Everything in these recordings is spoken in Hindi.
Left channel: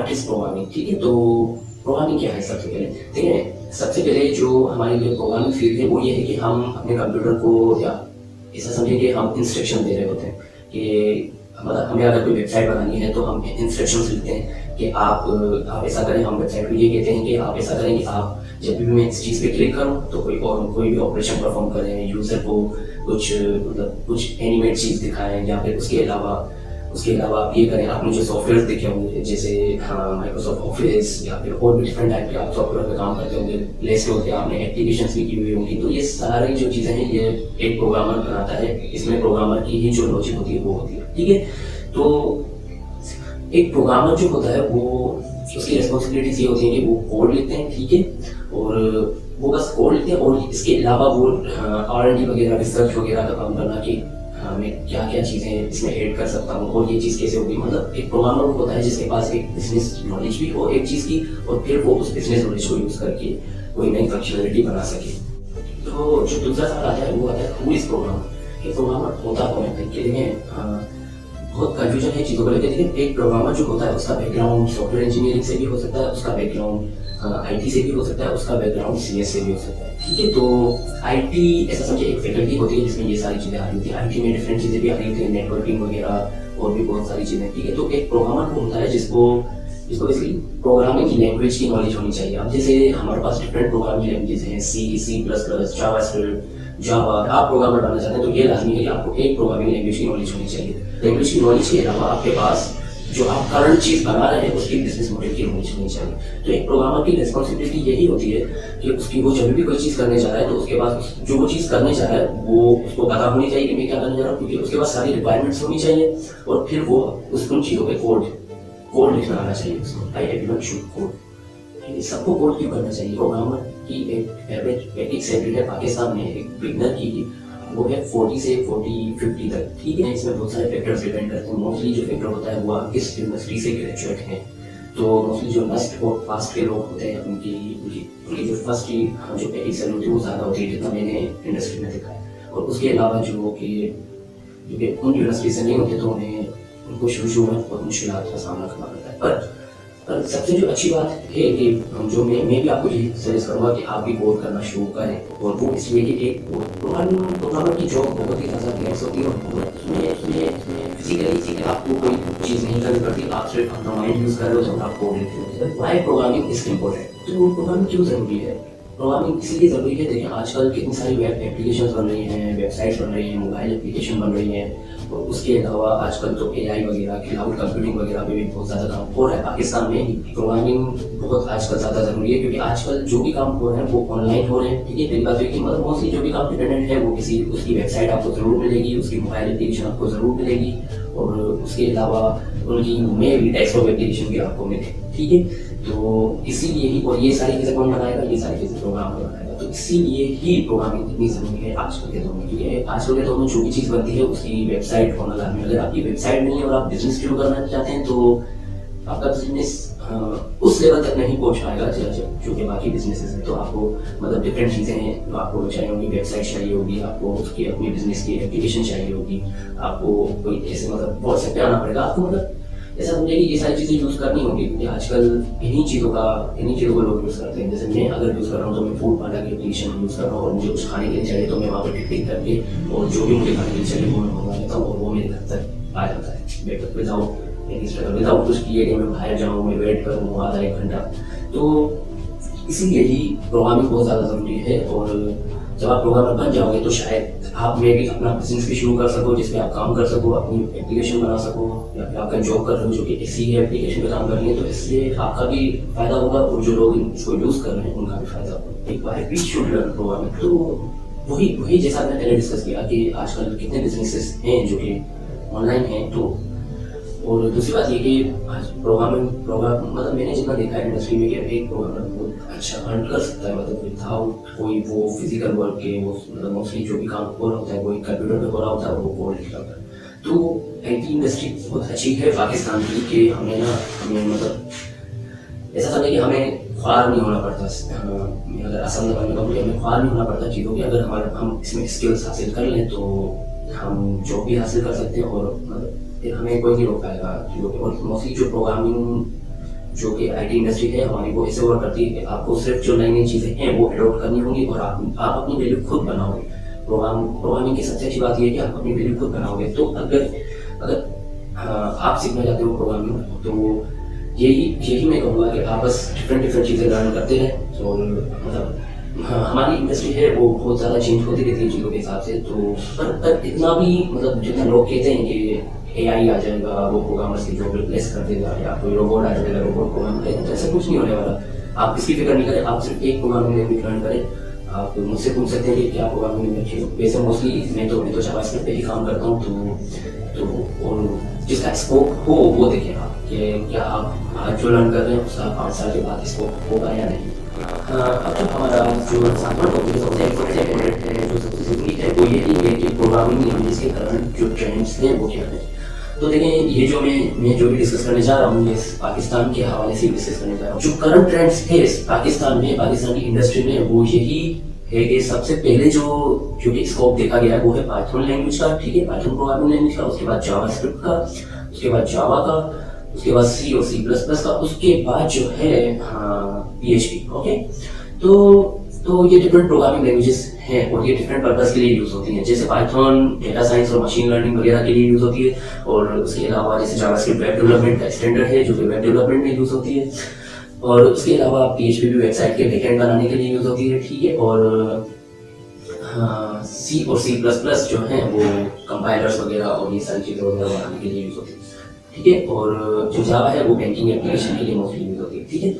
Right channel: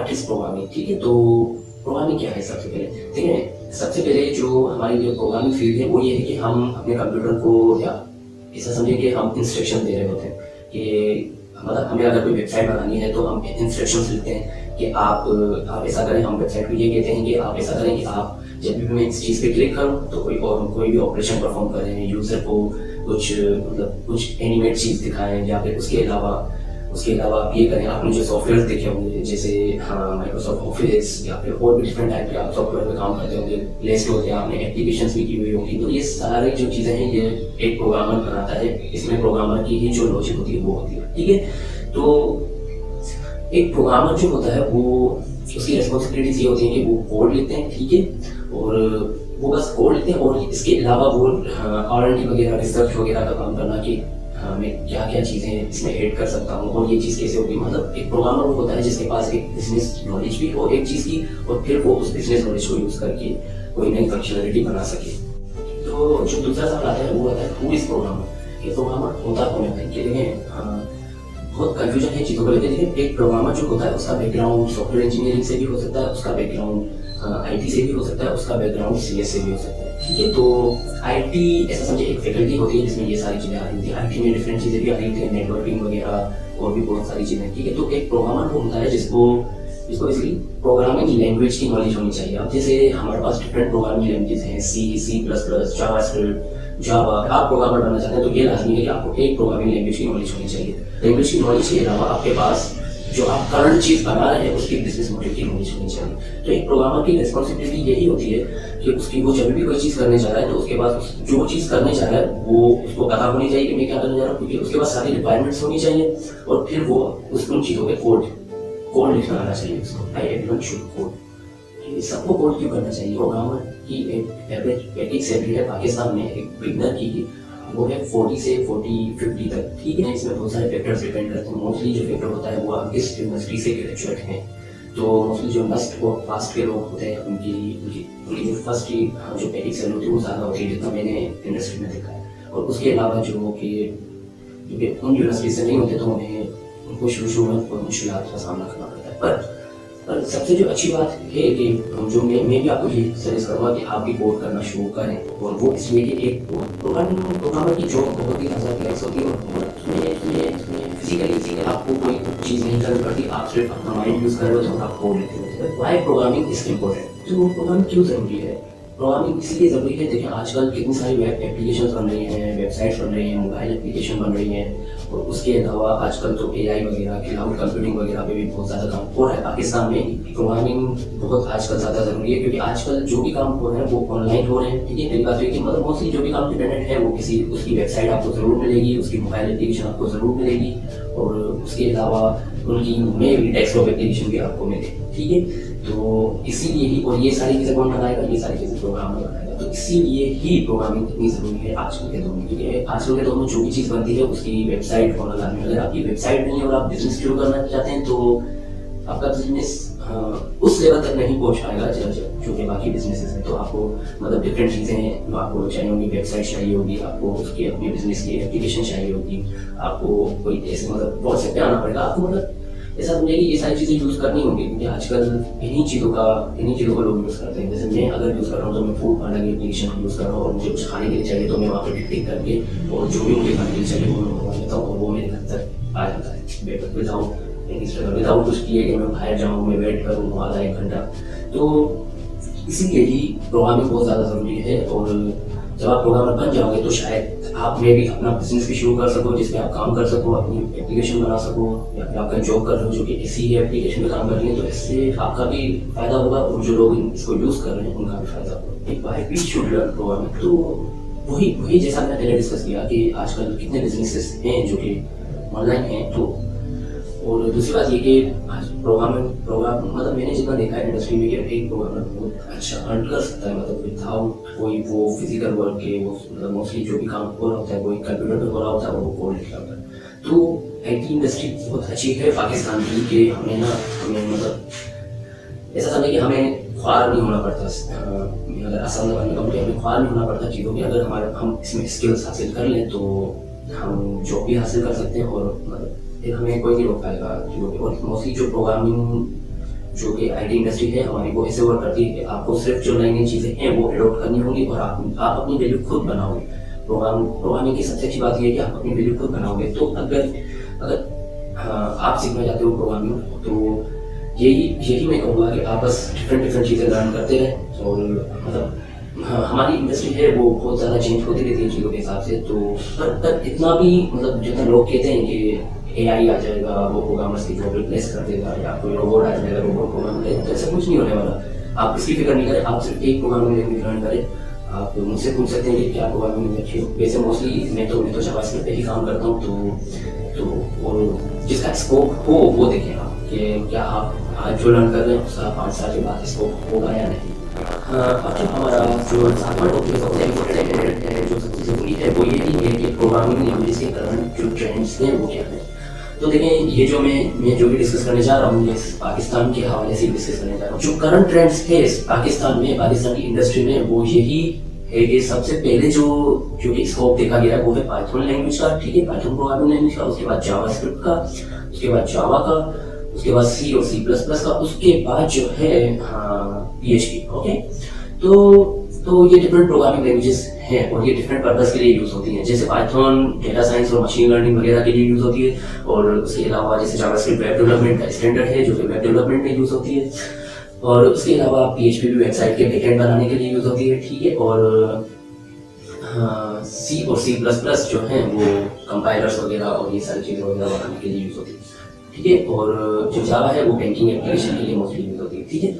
व्हाट इज प्रोग्रामिंग, ठीक है। तो प्रोग्रामिंग क्या है सबसे पहले, ठीक है। सबसे पहले जो हमारे लिए प्रोग्रामिंग फील्ड है वो ये है कि हम अपने कंप्यूटर को, या ऐसा समझिए कि हम इंस्ट्रक्शन दे रहे होते हैं कि मतलब हमें अगर कोई वेबसाइट बनानी है तो हम इंस्ट्रक्शंस लिखते हैं कि आप ऐसा करें। हम वेबसाइट को ये कहते हैं कि आप ऐसा करें कि आप जब भी मैं इस चीज़ पे क्लिक करूँ तो कोई भी ऑपरेशन परफॉर्म करें, यूज़र को कुछ मतलब कुछ एनिमेट चीज़ दिखाएं, या फिर उसके अलावा आप ये करें। आपने जो सॉफ्टवेयर देखे होंगे जैसे माइक्रोसॉफ्ट ऑफिस या फिर और भी डिफरेंट टाइप के आप सॉफ्टवेयर में काम करते होंगे, प्ले स्टोर से आपने एप्लीकेशंस भी की हुई होंगी। तो ये सारी जो चीज़ें हैं ये एक प्रोग्रामर बनाता है। इसमें प्रोग्रामर की ही जो लॉजिक होती है वो होती है, ठीक है। तो एक प्रोग्रामर जो होता है वो उसकी रिस्पॉन्सिबिलिटीज ये होती है कि वो कोड लिखते हैं, ठीक है, और वो बस कोड लिखते हैं। और इसके अलावा वो R&D वगैरह, रिसर्च वगैरह का काम करना कि मैं क्या क्या चीज़ें इसमें ऐड कर सकता हूँ और ये चीज़ कैसे होगी। मतलब एक प्रोग्रामर वो होता है जिसके पास एक बिजनेस नॉलेज भी हो एक चीज़ की, और फिर वो उस बिजनेस नॉलेज को यूज़ करके कोई नई फंक्शनलिटी बना सके। तो जो दूसरा सवाल आता है वो आता है हु इज प्रोग्रामर, कि प्रोग्रामर होता कौन है। ये देखें बहुत कंफ्यूजन है चीज़ों को लेकर। देखिए एक प्रोग्रामर जो होता है उसका बैकग्राउंड सॉफ्टवेयर इंजीनियरिंग से भी हो सकता है, उसका बैकग्राउंड IT से भी हो सकता है, उसका बैकग्राउंड CS से भी हो सकता है, ठीक है। तो IT ऐसा समझिए एक फैकल्टी होती है जिसमें ये सारी चीज़ें आ रही होती है। IT में डिफरेंट चीज़ें भी आ रही होती है, नेटवर्किंग वगैरह और भी बहुत सारी चीज़ें, ठीक है। तो एक प्रोग्रामर वो होता है जिसको बेसिकली प्रोग्रामिंग लैंग्वेज की नॉलेज होनी चाहिए। अब जैसे हमारे पास डिफरेंट प्रोग्रामिंग लैंग्वेज हैं, C++, जावास्क्रिप्ट, जावा। आप प्रोग्रामर बनना चाहते हैं तो ये लाजमी है कि आपको एक प्रोग्रामिंग लैंग्वेज की नॉलेज होनी चाहिए। लैंग्वेज की नॉलेज के अलावा आपके पास जो आप करंट चीज़ बना रहे हैं उसकी बिजनेस मॉडल की नॉलेज होनी चाहिए। तो एक प्रोग्रामर की रिस्पॉन्सिबिलिटी यही होती है कि वो जब भी कोई चीज़ करने जा रहा है तो उसके पास जो वो चीज़ करने जा रहा है वो उसको पता होनी चाहिए कि मैं क्या करने जा रहा हूँ, क्योंकि उसके पास सारी रिक्वायरमेंट्स होनी चाहिए। और फिर वो उन चीज़ों पे कोड लिखना आना चाहिए उसको। एवरीवन शुड कोड, क्योंकि सबको कोड क्यों करना चाहिए। प्रोग्रामर की एक एवरेज सैलरी है पाकिस्तान में एक बिगनर की, वो है 40 से 50 तक, ठीक है। इसमें बहुत सारे फैक्टर्स डिपेंड करते हैं। मोस्टली जो फैक्टर होता है वो आप किस इंडस्ट्री से ग्रेजुएट हैं। तो मोस्टली जो लास्ट और पास्ट के लोग होते हैं उनकी जो फर्स्ट जो पैकेज सैलरी होती है वो ज़्यादा होती है जितना मैंने इंडस्ट्री में देखा है। और उसके अलावा जो कि उन यूनिवर्सिटी से नहीं होते तो उनको शुरू में बहुत मुश्किलात का सामना करना पड़ता है। पर सबसे जो अच्छी बात है कि जो मैं भी आपको ये सजेस्ट करूँगा कि आप भी कोड करना शुरू करें। और वो इसलिए कि एक प्रोग्रामर की जॉब बहुत ही ज़्यादा रिलैक्स होती है और फिजिकली आपको कोई चीज़ नहीं करनी पड़ती। आप सिर्फ अपना माइंड यूज़ कर रहे हो जब आप कोड लिखते हो। वाई प्रोग्रामिंग इज इम्पोर्टेंट, तो प्रोग्रामिंग क्यों ज़रूरी है। प्रोग्रामिंग इसलिए ज़रूरी है, देखिए आजकल कितनी सारी वेब एप्लीकेशन बन रही हैं, वेबसाइट्स बन रही हैं, मोबाइल एप्लीकेशन बन रही हैं। और उसके अलावा आजकल तो AI वगैरह, क्लाउड कंप्यूटिंग वगैरह पे भी बहुत ज़्यादा काम हो रहा है। पाकिस्तान में प्रोग्रामिंग बहुत आजकल ज़्यादा ज़रूरी है, क्योंकि आजकल जो भी काम हो रहे हैं वो ऑनलाइन हो रहे हैं, ठीक है। फिर बात है कि मतलब मोस्टली जो भी काम डिपेंडेंट है वो उसकी वेबसाइट आपको ज़रूर मिलेगी, उसकी मोबाइल एप्लीकेशन आपको ज़रूर मिलेगी, और उसके अलावा उनकी मेल डेस्कटॉप एप्लीकेशन भी आपको मिले, ठीक है। तो इसीलिए ही, और ये सारी चीज़ें कौन बनाएगा, ये सारी चीज़ें प्रोग्रामर बनाएगा। तो इसीलिए ही प्रोग्रामिंग इतनी ज़रूरी है आजकल के दौर में, क्योंकि आजकल के दौर में जो भी चीज़ बनती है उसकी वेबसाइट बनाना है। अगर आपकी वेबसाइट नहीं है और आप बिजनेस शुरू करना चाहते हैं तो आपका बिजनेस उस लेवल तक नहीं पहुंच पाएगा जो कि बाकी बिजनेसेस है। तो आपको मतलब डिफरेंट चीज़ें आपको चाहिए होंगी, वेबसाइट चाहिए होगी, आपको उसकी अपनी बिजनेस की एप्लीकेशन चाहिए होगी, आपको कोई ऐसे मतलब व्हाट्सएप पे आना पड़ेगा, आपको मतलब ऐसा समझिए कि ये सारी चीज़ें यूज़ करनी होगी, क्योंकि आजकल इन्हीं चीज़ों को लोग यूज़ करते हैं। जैसे मैं अगर यूज़ कर रहा हूँ तो मैं फूड वाला की एप्लीकेशन यूज़ कर रहा हूँ, और मुझे कुछ खाने के लिए चाहिए तो मैं वहाँ पर टिक करके और जो भी मुझे खाने के लिए चाहिए वो मैं मंगा लेता हूँ और वो मेरे घर तक आ जाता है विदाउट कुछ किए कि मैं बाहर जाऊँ, मैं वेट करूँ आधा एक घंटा। तो इसीलिए ही प्रोग्रामिंग बहुत ज़्यादा ज़रूरी है। और जब आप प्रोग्रामर बन जाओगे तो शायद आप में भी अपना बिजनेस भी शुरू कर सको, जिसमें आप काम कर सको, अपनी एप्लीकेशन बना सको, या फिर आप कहीं जॉब कर रहे हो जो कि इसी एप्लीकेशन पे काम कर रही है, तो इससे आपका भी फायदा होगा और जो लोग इसको यूज़ कर रहे हैं उनका भी फायदा होगा। एक बार शुड लर्न प्रोग्रामिंग। तो वही जैसा मैंने पहले डिस्कस किया कि आजकल कितने बिजनेसेस हैं जो कि ऑनलाइन हैं। तो और दूसरी बात ये कि प्रोग्राम मतलब मैंने जितना देखा है इंडस्ट्री में कि एक प्रोग्रामर बहुत अच्छा अर्न कर सकता है, मतलब विदाउट कोई वो फिजिकल वर्क के। वो मतलब मोस्टली जो भी काम हो रहा होता है वो एक कंप्यूटर पे हो रहा होता है, वो कोड लिख रहा होता है। तो IT इंडस्ट्री बहुत अच्छी है पाकिस्तान की कि हमें मतलब ऐसा समझे कि हमें ख्वार नहीं होना पड़ता। अगर आसान लगाने का हमें ख्वार नहीं होना पड़ता चीज़ों की। अगर हम इसमें स्किल्स हासिल कर लें तो हम जॉब भी हासिल कर सकते हैं, और मतलब फिर हमें कोई नहीं रोक पाएगा चीज़ों की। और मोस्टली जो जो कि आईटी इंडस्ट्री है हमारी वो ऐसे वर्क करती है कि आपको सिर्फ जो नई नई चीज़ें हैं वो अडॉप्ट करनी होगी और आप अपनी वैल्यू खुद बनाओगे। प्रोग्रामिंग की सबसे अच्छी बात ये है कि आप अपनी वैल्यू खुद बनाओगे। तो अगर आप सीखना चाहते हो प्रोग्रामिंग तो यही मैं कहूँगा कि आप बस डिफरेंट चीज़ें लर्न करते रहें। और मतलब हमारी इंडस्ट्री है वो बहुत ज़्यादा चेंज होती रहती है चीज़ों के हिसाब से। तो पर इतना भी मतलब जितना लोग कहते हैं कि एआई आ जाएगा वो प्रोग्रामर्स की जॉब रिप्लेस कर देगा या कोई रोबोट आ जाएगा रोबोट प्रोग्राम करेगा, तो ऐसा कुछ नहीं होने वाला। आप इसकी फिक्र नहीं करें, आप सिर्फ एक प्रोग्रामिंग लैंग्वेज लर्न करें। आप मुझसे पूछ सकते हैं कि क्या प्रोग्रामिंग अच्छी हो। वैसे मोस्टली मैं तो जावास्क्रिप्ट पे ही काम करता हूँ। तो और जिसका स्कोप हो वो देखें आप कि क्या आप आज जो लर्न कर रहे हैं उसका 5 साल के बाद स्कोप होगा या नहीं। अब जो हमारा जो सातवां टॉपिक है जो सबसे ज़रूरी है वो यही है कि प्रोग्रामिंग लैंग्वेज के करंट जो ट्रेंड्स हैं वो क्या हैं। तो देखें ये जो मैं जो भी डिस्कस करने जा रहा हूँ ये पाकिस्तान के हवाले से डिस्कस करने जा रहा हूँ। जो करंट ट्रेंड्स है पाकिस्तान में, पाकिस्तान की इंडस्ट्री में, वो यही है कि सबसे पहले जो कि स्कोप देखा गया है वो है पाइथन लैंग्वेज का। ठीक है, पाइथन प्रोग्रामिंग लैंग्वेज का, उसके बाद जावास्क्रिप्ट का, उसके बाद जावा का, उसके बाद सी और सी प्लस प्लस का, उसके बाद जो है PHP। ओके, तो ये डिफरेंट प्रोग्रामिंग लैंग्वेजेस हैं और ये डिफरेंट पर्पस के लिए यूज़ होती हैं। जैसे पाइथन डेटा साइंस और मशीन लर्निंग वगैरह के लिए यूज़ होती है। और उसके अलावा जैसे जावास्क्रिप्ट वेब डेवलपमेंट का स्टैंडर्ड है जो कि वेब डेवलपमेंट में यूज़ होती है। और उसके अलावा PHP भी वेबसाइट के बैकएंड बनाने के लिए यूज़ होती है। ठीक है, और सी और सी प्लस प्लस जो है वो कंपाइलर्स वगैरह और ये सारी चीज़ें वगैरह बनाने के लिए यूज़ होती है। ठीक है, और जो जावा है वो बैंकिंग एप्लीकेशन के लिए मोस्टली यूज़ होती है। ठीक है,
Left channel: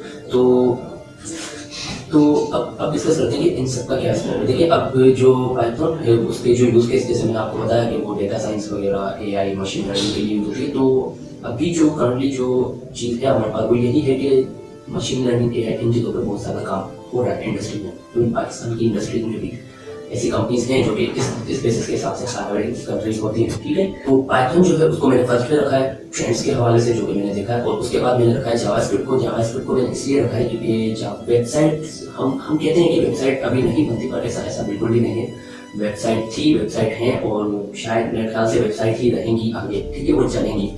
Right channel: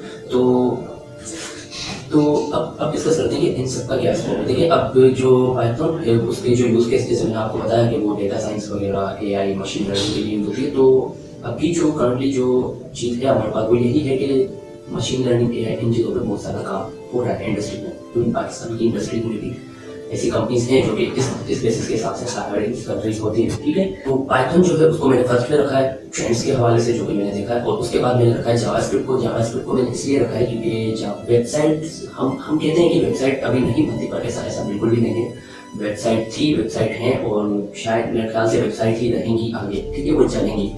तो अब डिस्कस करते हैं कि इन सब का क्या स्कोप है। देखिए अब जो पाइथन है उसके जो यूज़ केस जैसे मैंने आपको बताया कि वो डेटा साइंस वगैरह AI मशीन लर्निंग के लिए यूज़ होती है। तो अभी जो करंटली जो चीज़ है हमारे पास वो यही है कि मशीन लर्निंग AI इन चीज़ों पर बहुत ज़्यादा काम हो रहा है इंडस्ट्री में। तो पाकिस्तान की इंडस्ट्री में भी ऐसी कंपनीज हैं जो कि इस बेसिस के हिसाब से हायरिंग कर रही होती हैं। ठीक है, तो पाइथन जो है उसको मैंने फर्स्ट में रखा है ट्रेंड्स के हवाले से जो कि मैंने देखा है। और उसके बाद मैंने रखा है जावास्क्रिप्ट को मैंने इसलिए रखा है क्योंकि वेबसाइट हम कहते हैं कि वेबसाइट अभी नहीं बनती, पर ऐसा बिल्कुल भी नहीं है। वेबसाइट है और शायद मेरे ख्याल से वेबसाइट ही रहेंगी आगे। ठीक है, वो चलेंगी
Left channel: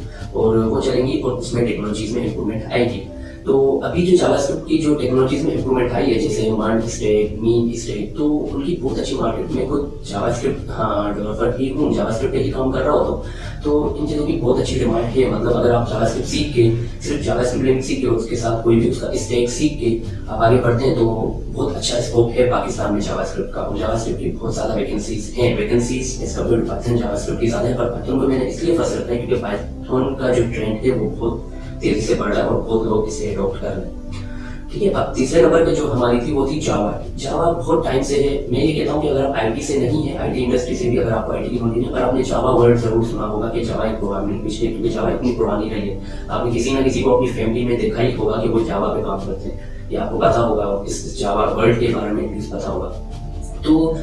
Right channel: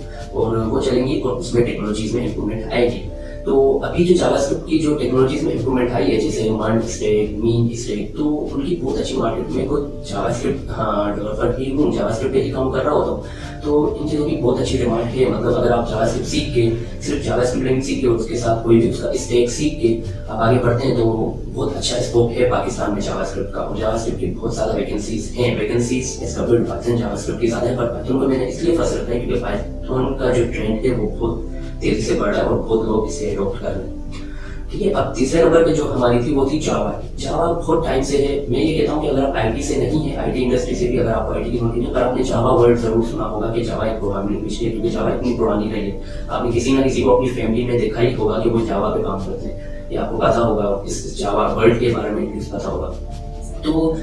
और उसमें टेक्नोलॉजीज में इम्प्रूवमेंट आएगी। तो अभी जो जावास्क्रिप्ट की जो टेक्नोलॉजीज में इम्प्रूवमेंट आई है जैसे मर्ज स्टैक, मीन स्टैक, तो उनकी बहुत अच्छी मार्केट में खुद जावास्क्रिप्ट डेवलपर ही हूँ, जावास्क्रिप्ट पे ही काम कर रहा होता हूँ। तो इन चीज़ों की बहुत अच्छी डिमांड है। मतलब अगर आप जावास्क्रिप्ट सीख के सिर्फ जावास्क्रिप्ट लैंग्वेज सीख के उसके साथ कोई भी उसका स्टैक सीख के आप आगे बढ़ते हैं तो बहुत अच्छा स्कोप है पाकिस्तान में जावास्क्रिप्ट का। और जावास्क्रिप्ट की बहुत ज़्यादा वैकेंसीज इसका फिर पाइथन जावास्क्रिप्ट की ज़्यादा है। पर पाइथन को मैंने इसलिए फर्स्ट रखा है क्योंकि पाइथन का जो ट्रेंड है वो बहुत तेजी से बढ़ रहा है और बहुत लोग इसे अडॉप्ट कर रहे हैं। ठीक है, अब तीसरे नंबर पे जो हमारी थी वो थी जावा बहुत टाइम से है। मैं ये कहता हूँ कि अगर आप आईटी से नहीं है, आईटी इंडस्ट्री से भी अगर आपको आईटी की नॉलेज है, पर आपने जावा वर्ड जरूर सुना होगा कि जावा एक प्रोग्रामिंग लैंग्वेज है क्योंकि जावा इतनी पुरानी रही है। आपने किसी ना किसी को अपनी फैमिली में देखा ही होगा कि वो जावा पे काम करते हैं या आपको पता होगा इस जावा वर्ड के बारे में कुछ पता होगा। तो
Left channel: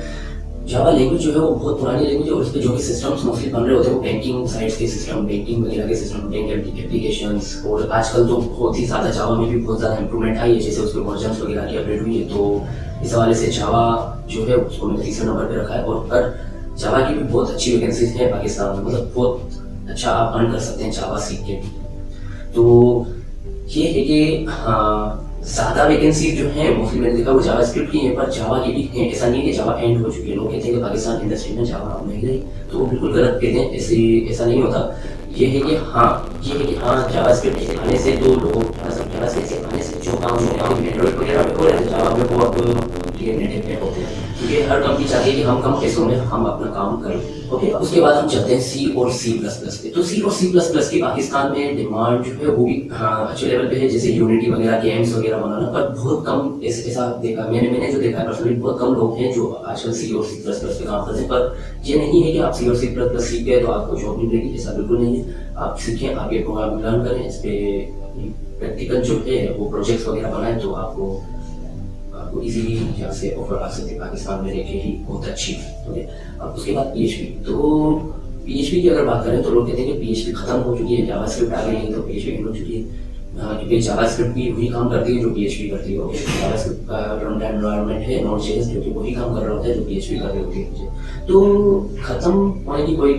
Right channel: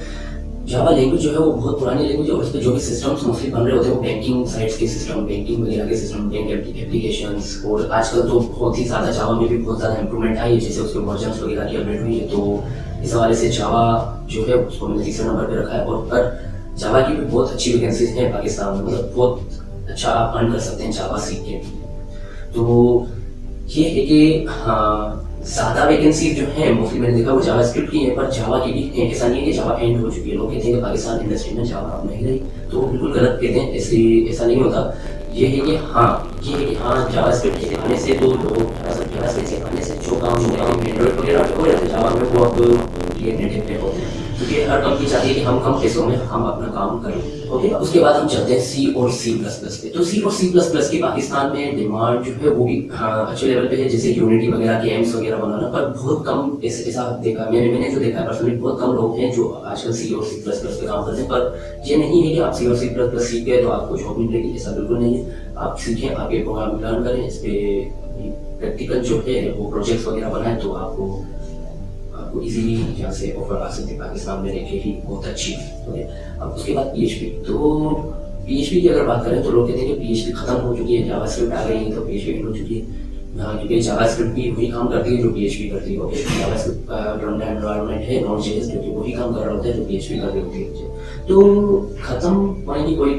जावा लैंग्वेज जो है वो बहुत पुरानी लैंग्वेज है और उसके जो भी सिस्टम्स मोस्टली बन रहे होते हैं वो बैंकिंग साइट्स के सिस्टम, बैंकिंग वगैरह के सिस्टम, बैंक एप्लीकेशंस। और आजकल तो बहुत ही ज़्यादा जावा में भी बहुत ज़्यादा इंप्रूवमेंट आई है, जैसे उसके वर्जन्स वगैरह की अपडेट हुई है। तो इस हवाले से जावा जो है उसको मैंने तीसरे नंबर पर रखा है। और पर जावा की भी बहुत अच्छी वैकेंसीज हैं पाकिस्तान में, मतलब बहुत अच्छा आप अर्न कर सकते हैं जावा सीख के। तो ये है कि हाँ ज़्यादा वैकेंसी जो है मोस्टली मैंने देखा वो जावास्क्रिप्ट की है, पर जावा की भी है। ऐसा नहीं है कि जावा एंड हो चुकी है। लोग कहते हैं कि पाकिस्तान इंडस्ट्री में जावा अब नहीं रही, तो बिल्कुल गलत कहते हैं। ऐसा नहीं होता। ये है कि हाँ जावास्क्रिप्ट आने से जो लोग आने से जो काम एंड्रॉइड वगैरह हो रहे थे जावा में वो अब नेटिव पे होते हैं। तो ये हर कंपनी चाहती है कि हम कम पैसों में हम अपना काम करें। ओके, उसके बाद हम चलते हैं सी और सी प्लस प्लस पे। तो सी और सी प्लस प्लस की पाकिस्तान में डिमांड जो है वो भी अच्छे लेवल पे है, जैसे यूनिटी वगैरह गेम्स वगैरह बनाना। पर बहुत कम ऐसा देखा मैंने जो देखा पर्सनली, बहुत कम लोग हैं जो आजकल सी और सी प्लस प्लस पे काम करते हैं। पर ये नहीं है कि आप सी और सी प्लस प्लस सीख गए तो आपको जॉब नहीं मिलेगी, ऐसा बिल्कुल नहीं है। आप सीखें, आप ये प्रोग्राम लर्न करें, इस पर प्रैक्टिकल जो है वो प्रोजेक्ट्स वगैरह बनाएं तो आपको इजीली यहाँ से ऑफर आ सकते हैं पाकिस्तान में रहकर ही बहुत अच्छी। ओके, अब उसके बाद PHP। तो PHP की अगर बात करें तो लोग कहते हैं कि PHP खत्म हो चुकी है, जावास्क्रिप्ट आ गई है तो PHP हो चुकी है। क्योंकि जावास्क्रिप्ट भी वही काम करती है जो PHP करती है। ओके, जावास्क्रिप्ट का रन टाइम एनवायरनमेंट है नोड.जेएस जो कि वही काम कर रहा होता है जो PHP कर रही होती है। तो खत्म होने की कोई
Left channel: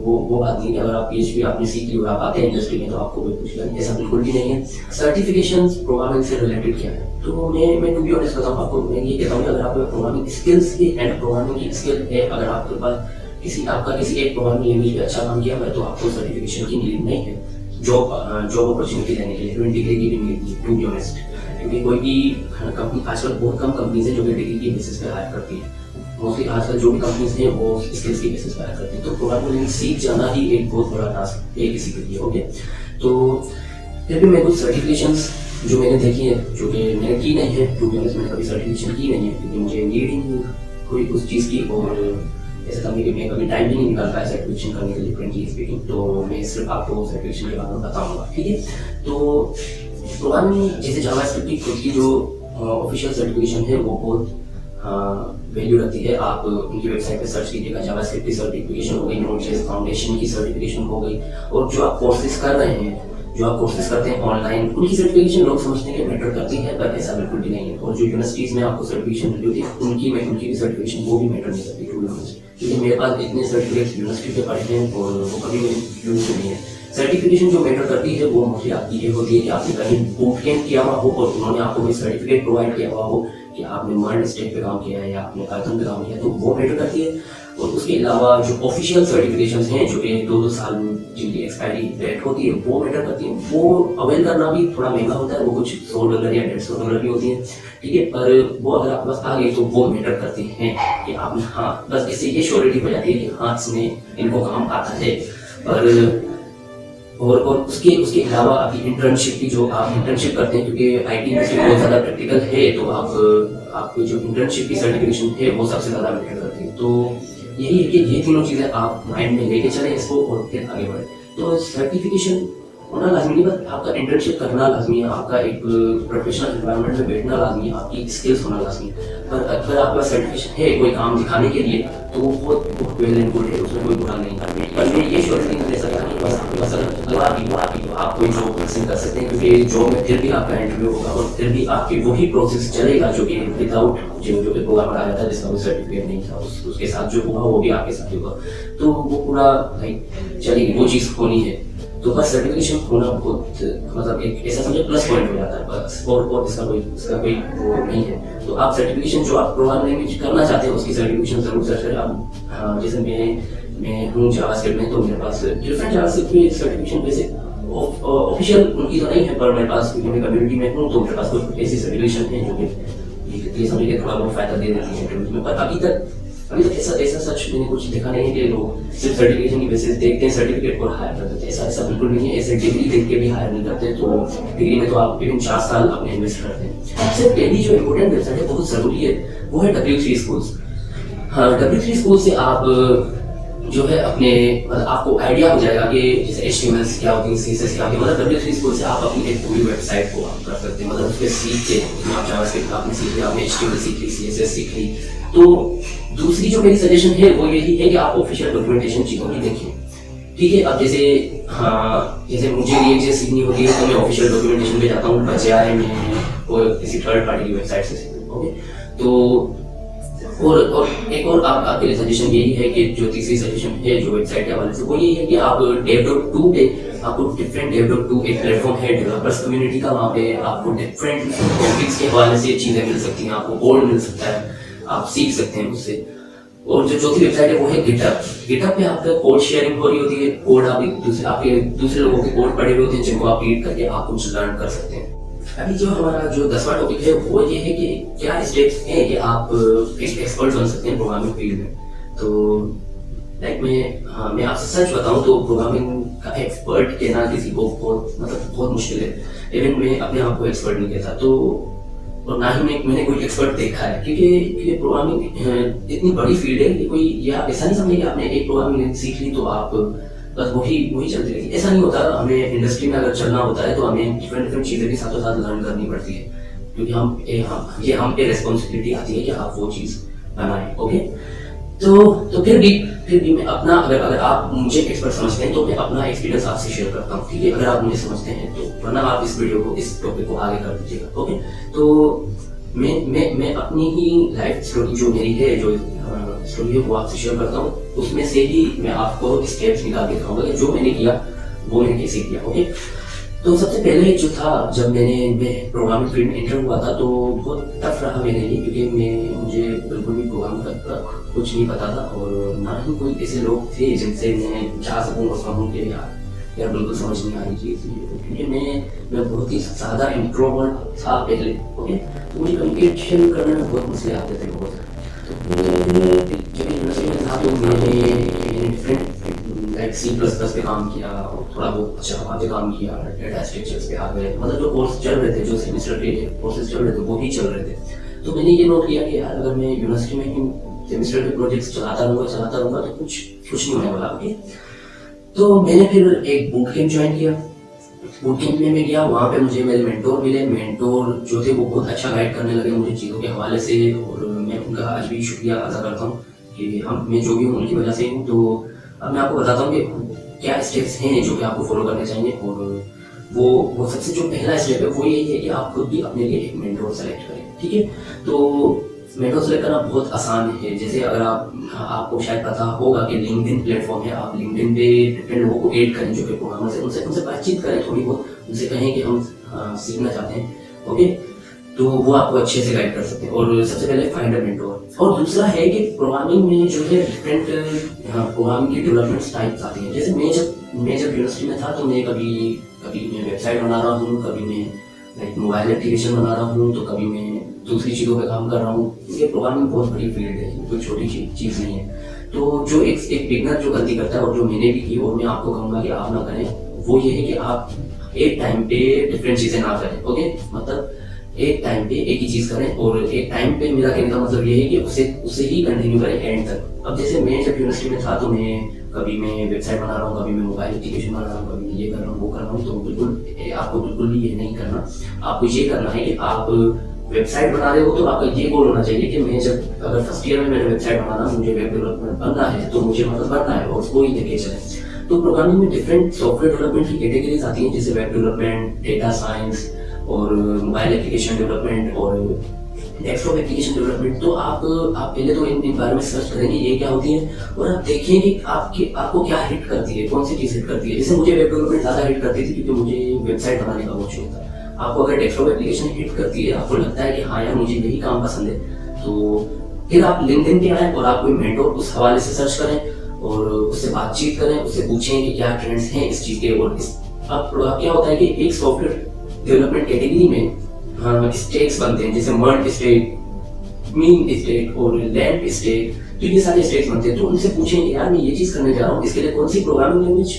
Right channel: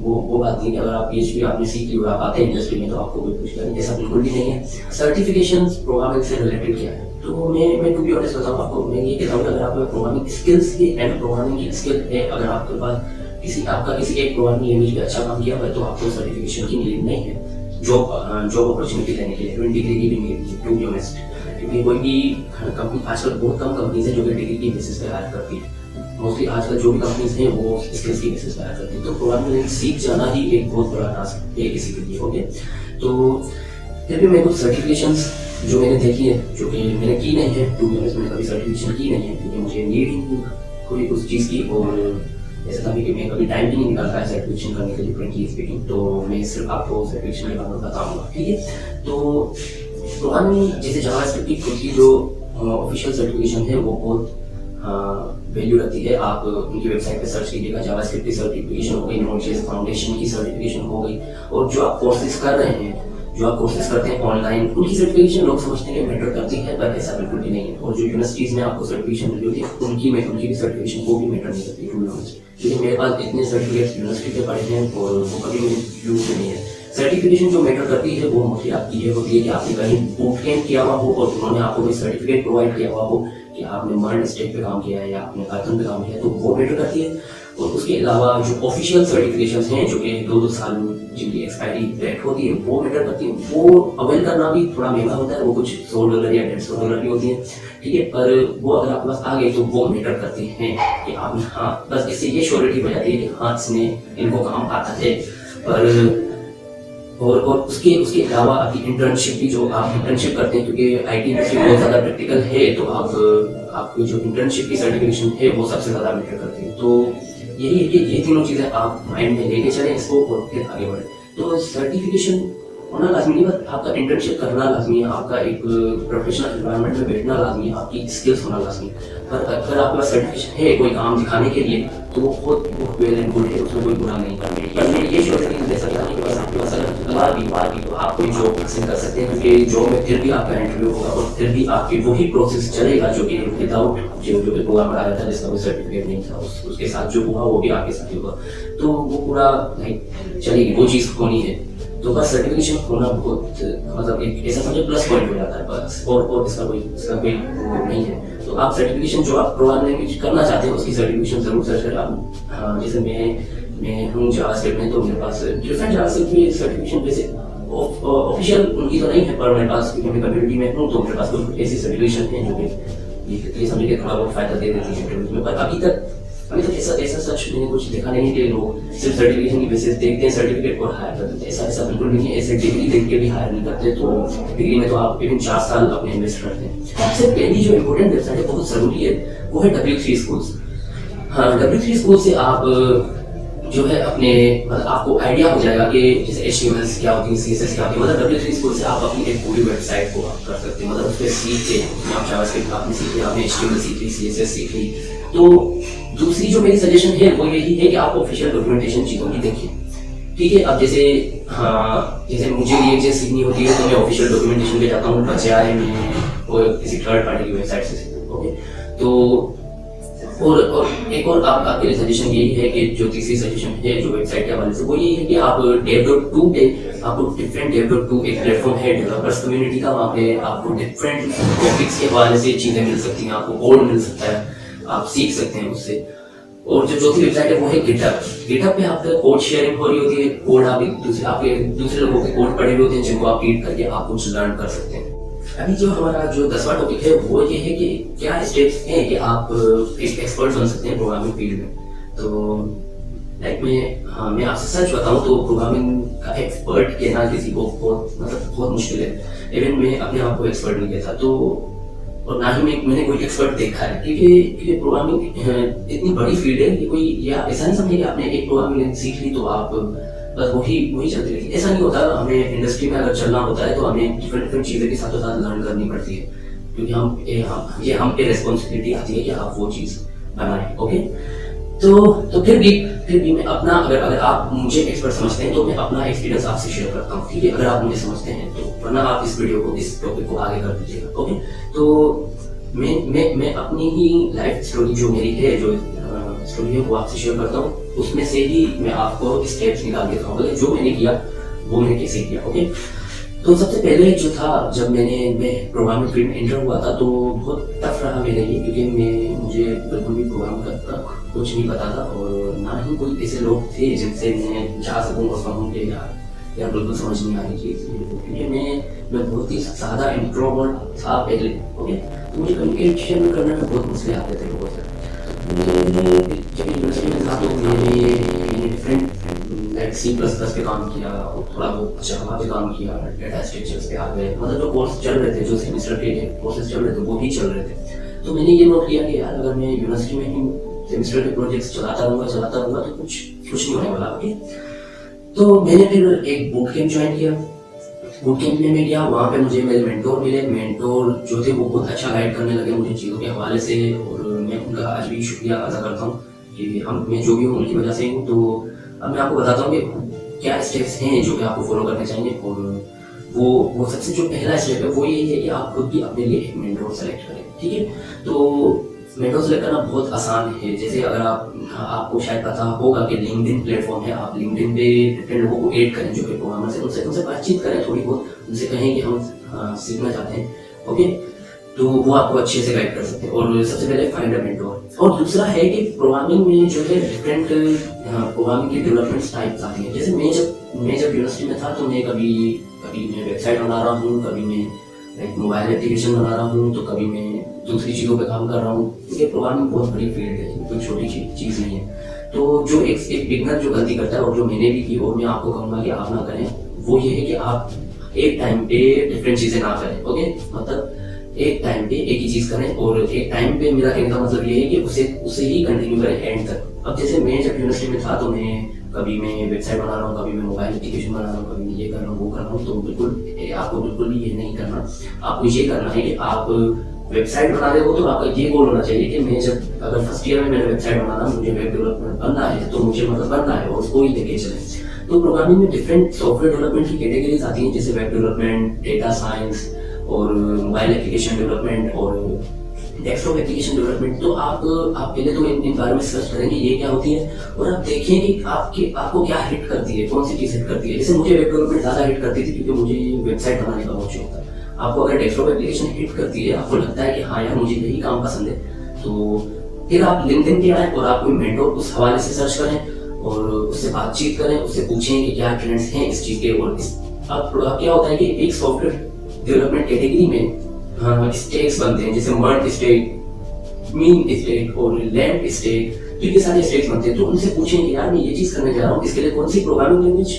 वो बात नहीं है। अगर आप PHP आपने सीख ली और आप आते हैं इंडस्ट्री में तो आपको कोई कुछ करने ऐसा बिल्कुल भी नहीं है। सर्टिफिकेशंस प्रोग्रामिंग से रिलेटेड क्या है, तो मैं टू बी ऑनेस्ट बताऊँ आपको, मैं ये कहता हूँ कि अगर आपको प्रोग्रामिंग स्किल्स की एंड प्रोग्रामिंग की स्किल है, अगर आपके पास किसी एक प्रोग्रामिंग लैंग्वेज में अच्छा काम किया है तो आपको सर्टिफिकेशन की नीड नहीं है जॉब अपॉर्चुनिटी लेने के लिए, इवन डिग्री की भी नीड नहीं, टू बी ऑनेस्ट। क्योंकि कोई भी कंपनी, आजकल बहुत कम कंपनीज है जो कि डिग्री की बेसिस पर हायर करती है। मोस्टली आजकल जो भी कंपनीज हैं वो स्किल्स की बेसिस पर हायर करती है। तो प्रोग्रामिंग लैंग्वेज सीख जाना ही एक बहुत बड़ा टास्क है किसी के लिए। ओके, तो फिर भी मैं कुछ सर्टिफिकेशंस जो मैंने देखी है, जो कि मैंने की नहीं है, टू बी ऑनेस्ट मैंने कभी सर्टिफिकेशन की नहीं है क्योंकि मुझे नीड ही कोई उस चीज़ की, और ऐसा था कि मैं कभी टाइम भी नहीं निकाल पाया सर्टिफिकेशन करने के लिए, फ्रेंकली स्पीकिंग। तो मैं सिर्फ आपको सर्टिफिकेशन के बारे में बताऊंगा, ठीक है। तो प्रोग्रामिंग जैसे जावास्क्रिप्ट की खुद की जो ऑफिशियल सर्टिफिकेशन है वो बहुत वैल्यू रखती है। आप उनकी वेबसाइट पे सर्च कीजिएगा, जावास्क्रिप्ट की सर्टिफिकेशन हो गई, नोड.जेएस फाउंडेशन की सर्टिफिकेशन हो गई, और जो आप कोर्सेज कर रहे हैं, जो आप कोर्सेज करते हैं ऑनलाइन, उनकी सर्टिफिकेशन लोग समझते हैं मैटर करती है, पर ऐसा बिल्कुल भी नहीं है। और जो यूनिवर्सिटीज़ में आपको सर्टिफिकेशन मिली होती है उनकी भी सर्टिफिकेशन वो भी मैटर नहीं करती है। क्योंकि मेरे पास इतने सर्टिफिकेट्स यूनिवर्सिटी के पढ़े हैं और वो कभी भी यूज नहीं है। सर्टिफिकेशन जो मैटर करती है वो मोस्टली आपकी ये होती है कि आपने कहीं बूट कैंप किया हुआ हो और उन्होंने आपको कोई सर्टिफिकेट प्रोवाइड किया हुआ हो कि आपने मर्न स्टेट पे काम किया है या आपने पाइथन पे काम किया है, तो वो मैटर करती है। और उसके अलावा जो ऑफिशियल सर्टिफिकेशन हैं जो कि 2-2 साल जिनकी एक्सपायरी डेट होती है वो मैटर करती है। वो अवेल करना भी थोड़ा महंगा होता है, वो कुछ $100 या $150 की होती है, ठीक है। पर वो अगर आपके पास आ गए तो वो मैटर करते हैं कि आपने, हाँ, बस इससे ये श्योरिटी हो जाती है कि हाँ इसने इनको काम आता है। और उसके अलावा आपकी इंटर्नशिप की, जो आप इंटर्नशिप करते हैं, क्योंकि IT इंडस्ट्री बहुत ज़्यादा प्रैक्टिकल है, तो आपकी जो इंटर्नशिप की सर्टिफिकेशन है वो सबसे ज़्यादा मैटर करती है। तो यही है कि ये तीनों चीज़ें आप माइंड में लेके चलें इसको और फिर आगे बढ़ें। तो सर्टिफिकेशन होना लाजमी है, बस आपका इंटर्नशिप करना लाजमी है, आपका एक प्रोफेशनल एनवायरनमेंट में बैठना लाजमी है, आपकी स्किल्स होना लाजमी है। पर अगर आपका सर्टिफिकेशन है कोई काम दिखाने के लिए तो वो बहुत वेल एंड गुड है, उसमें कोई बुरा नहीं है। पर मैं ये श्योर नहीं कर सकता कि बस अगर आप कोई जॉब हासिल कर सकते हैं, क्योंकि जॉब में फिर भी आपका इंटरव्यू होगा और फिर भी आपकी वही प्रोसेस चलेगा जो कि विदाउट जो कि प्रोग्राम लगाया था जिसका कोई सर्टिफिकेट नहीं था, उसके साथ जो हुआ वो भी आपके साथ होगा। तो वो पूरा लाइक चलेगी, वो चीज़ होनी है। तो बस सर्टिफिकेशन होना बहुत, मतलब एक ऐसा समझे प्लस पॉइंट हो जाता है बस, और इसका कोई वो नहीं है। तो आप सर्टिफिकेशन जो आप प्रोग्राम लैंग्वेज करना चाहते हैं उसकी सर्टिफिकेशन जरूर सर्च करें। आप जैसे मैं हूँ जावास्क्रिप्ट में, तो मेरे पास डिफरेंट जावास्क्रिप्ट की सर्टिफिकेशन वैसे ऑफिशियल उनकी तो नहीं है, पर मेरे पास, क्योंकि मैं कम्युनिटी में हूँ तो मेरे पास कोई ऐसी सर्टिफिकेशन है जो कि ये समझ के थोड़ा बहुत फायदा दे देती है। पर अभी तक ऐसा सच मैंने कुछ देखा नहीं है कि लोग सिर्फ सर्टिफिकेशन की बेसिस देखते हैं सर्टिफिकेट और हायर करते हैं। ऐसा बिल्कुल भी नहीं है। ऐसे डिग्री देख के भी हायर नहीं करते। तो डिग्री में तो आप विदिन 4 साल अपने इन्वेस्ट करते हैं। सबसे पहली जो इम्पोर्टेंट वेबसाइट है बहुत ज़रूरी है वो है W3 स्कूल्स। हाँ, W3 स्कूल से आप जो है अपने, मतलब आपको आइडिया हो जाएगा कि जैसे HTML क्या होती है, CSS क्या होती है। मतलब W3 स्कूल से आप अपनी एक पूरी वेबसाइट को आप कर सकते हैं। मतलब उसमें सीख के आप जावास्क्रिप्ट आपने सीख लिया, आपने HTML सीख ली, CSS सीख ली। तो दूसरी जो मेरी सजेशन है वो यही है कि आप ऑफिशियल डॉक्यूमेंटेशन चीज़ों की देखें, ठीक है। अब जैसे मुझे ये चीज़ सीखनी होती है तो मैं ऑफिशियल डॉक्यूमेंटेशन पे जाता हूँ, बजाय मैं किसी थर्ड पार्टी की वेबसाइट से सीखूँ। ओके, तो और एक और आपके लिए सजेशन यही है कि जो तीसरी सजेशन है जो वेबसाइट के हवाले से, वो ये है कि आप dev.to पे, आपको डिफरेंट dev.to एक प्लेटफॉर्म है डेवलपर्स कम्युनिटी का, वहाँ पे आपको डिफरेंट टॉपिक्स के हवाले से चीज़ें मिल सकती हैं, आपको कोड मिल सकता है, आप सीख सकते हैं उससे। और जो चौथी वेबसाइट है वो है गिटहब पे आपका कोड शेयरिंग हो रही होती है। कोड आप दूसरे लोगों के कोड पढ़े हुए होते हैं जिनको आप रीड करके आप कुछ लर्न कर सकते हैं। अभी जो हमारा जो 10वां टॉपिक है वो ये है कि क्या स्टेप्स हैं कि आप एक एक्सपर्ट बन सकते हैं प्रोग्रामिंग फील्ड में। तो लाइक मैं आपसे सच बताऊं तो प्रोग्रामिंग का एक्सपर्ट कहना किसी को बहुत मुश्किल है। इवन मैं अपने आप को एक्सपर्ट नहीं कहता, तो और ना ही मैंने कोई एक्सपर्ट देखा है, क्योंकि प्रोग्रामिंग इतनी बड़ी फील्ड है कि कोई ये आप ऐसा नहीं समझे कि आपने एक प्रोग्रामिंग सीख ली तो आप बस वही चलती रहेगी, ऐसा नहीं होता। हमें इंडस्ट्री में अगर चलना होता है तो हमें डिफरेंट चीज़ें भी साथ लर्न करनी पड़ती है, क्योंकि हम पे रिस्पॉन्सिबिलिटी आती है कि आप वो चीज़ बनाएं। ओके, तो फिर भी मैं अपना, अगर आप मुझे एक्सपर्ट समझते हैं तो मैं अपना एक्सपीरियंस आपसे शेयर करता हूँ, ठीक है। अगर आप मुझे समझते हैं तो, वरना आप इस वीडियो को, इस टॉपिक को आगे कर दीजिएगा, ओके। तो मैं अपनी ही लाइफ स्टोरी जो मेरी है, जो स्टोरी है वो आपसे शेयर करता हूँ। उसमें से ही मैं आपको स्टेप्स निकाल के दिखाऊंगा कि जो मैंने किया वो मैंने कैसे किया, ओके। तो सबसे पहले जो था, जब मैं प्रोग्रामिंग फील्ड में एंटर हुआ था तो बहुत टफ रहा मेरे लिए, क्योंकि मुझे बिल्कुल भी प्रोग्राम करता कुछ नहीं पता था, और ना ही कोई ऐसे लोग थे जिनसे मैं जा सकूँ और कहूँ कि यार बिल्कुल समझ नहीं आ रही चीज़, क्योंकि मैं बहुत ही ज़्यादा इंट्रोवर्ट था पहले, ओके। तो मुझे कम्युनिकेशन करने में बहुत मुश्किल आते थे लोगों से। तो मैंने लाइक C++ पे काम किया, थोड़ा बहुत जावा पे काम किया, डेटा स्ट्रक्चर्स पे आ गए, मतलब जो कोर्स चल रहे थे, जो सेमेस्टर के कोर्सेज चल रहे थे वो ही चल रहे थे। तो मैंने ये नोट किया कि यार अगर मैं यूनिवर्सिटी में ही सेमेस्टर के प्रोजेक्ट्स चलाता रहूँगा तो कुछ नहीं होने वाला, ओके। तो मैंने फिर एक बूट कैंप ज्वाइन किया। बूट कैंप में मैं गया, वहाँ पे मुझे मेरे मेंटोर मिले। मेंटोर जो थे वो बहुत अच्छा गाइड करने लगे मुझे चीज़ों के हवाले से, और मैं उनका आज भी शुक्रिया अदा करता हूँ कि मैं जो भी हूँ उनकी वजह से हूँ। तो अब मैं आपको बताता हूँ कि क्या स्टेप्स हैं जो कि आपको फॉलो करने चाहिए, और वो सबसे जो पहला स्टेप है वो ये है कि आप खुद भी अपने लिए एक मेंटोर सेलेक्ट करें, ठीक है। तो मेंटोर सेलेक्ट करना बहुत आसान है। जैसे अगर आपको शायद पता होगा कि लिंक्डइन प्लेटफॉर्म है, आप लिंक्डइन पे डिफरेंट लोगों को ऐड करें जो कि प्रोग्रामर है, उनसे बातचीत करें थोड़ी बहुत, उनसे कहें कि हम सीखना चाहते हैं, ओके। तो वो आपको अच्छे से गाइड कर सकते हैं। और सबसे पहले फाइंड अ मेंटोर। और दूसरा है कि प्रोग्रामिंग में जो है डिफरेंट प्रोग्रामिंग की डेवलपमेंट टाइप्स आती हैं। जैसे मैं जब यूनिवर्सिटी में था तो मैं कभी मैं वेबसाइट बना रहा हूँ, कभी मैं मोबाइल एप्लीकेशन बना रहा हूँ, तो कभी मैं दूसरी चीज़ों पे काम कर रहा हूँ। ये प्रोग्रामिंग बहुत बड़ी फील्ड है, कोई छोटी चीज़ नहीं है। तो जो एक बिगनर जो गलती करता है, और जो मैंने भी की और मैं आपको कहूँगा कि आप ना करें, वो ये है कि आप एक टाइम पे डिफरेंट चीज़ें ना करें, ओके। मतलब एक टाइम पे एक ही चीज़ करें, और एक टाइम पे मेरा कहने का मतलब ये है कि उसे ही कंटिन्यू करें एंड तक। अब जैसे मैं जब यूनिवर्सिटी में था तो कभी मैं वेबसाइट बना रहा हूँ, कभी मैं मोबाइल एप्लीकेशन बना रहा हूँ, कभी मैं ये कर रहा हूँ, वो कर रहा हूँ। तो आपको बिल्कुल भी ये नहीं करना। आपको ये करना है कि आप वेबसाइट बना रहे हो तो आपका ये गोल होना चाहिए कि मैं जब अगर फर्स्ट ईयर में मैंने वेबसाइट बनाना, मुझे वेब डेवलपमेंट बनना है, तो मुझे मतलब बनना है और उसको ही लेके चले। तो प्रोग्रामिंग में डिफरेंट सॉफ्टवेयर डेवलपमेंट की कैटेगरीज आती हैं, जैसे वेब डेवलपमेंट, डेटा साइंस, और मोबाइल एप्लीकेशन डेवलपमेंट, और डेस्कटॉप एप्लीकेशन डेवलपमेंट। तो आप पहले तो इन बारे में सर्च करेंगे ये क्या होती है, और आप देखेंगे कि आपको क्या हिट करती है, कौन सी चीज़ हिट करती है। जैसे मुझे वेब डेवलपमेंट ज़्यादा हिट करती थी क्योंकि मुझे वेबसाइट बनाने का बहुत शौक था। आपको अगर डेस्कटॉप एप्लीकेशन हिट करती है, आपको लगता है कि हाँ यार मुझे यही काम पसंद है, तो फिर आप लिंक्डइन पे आए और आप कोई मेंटोर उस हवाले से सर्च करें और उससे बातचीत करें, उससे पूछें कि क्या ट्रेंड्स हैं इस चीज़ के। और अब क्या होता है कि एक सॉफ्टवेयर डेवलपमेंट कैटेगरी में स्टेट्स बनते हैं, जैसे मर्ज स्टेट, मीन स्टेट और लैब स्टेट। तो ये सारे स्टेट्स बनते हैं। तो उनसे पूछें कि यार मैं ये चीज़ करने जा रहा हूँ, इसके लिए कौन सी प्रोग्रामिंग लैंग्वेज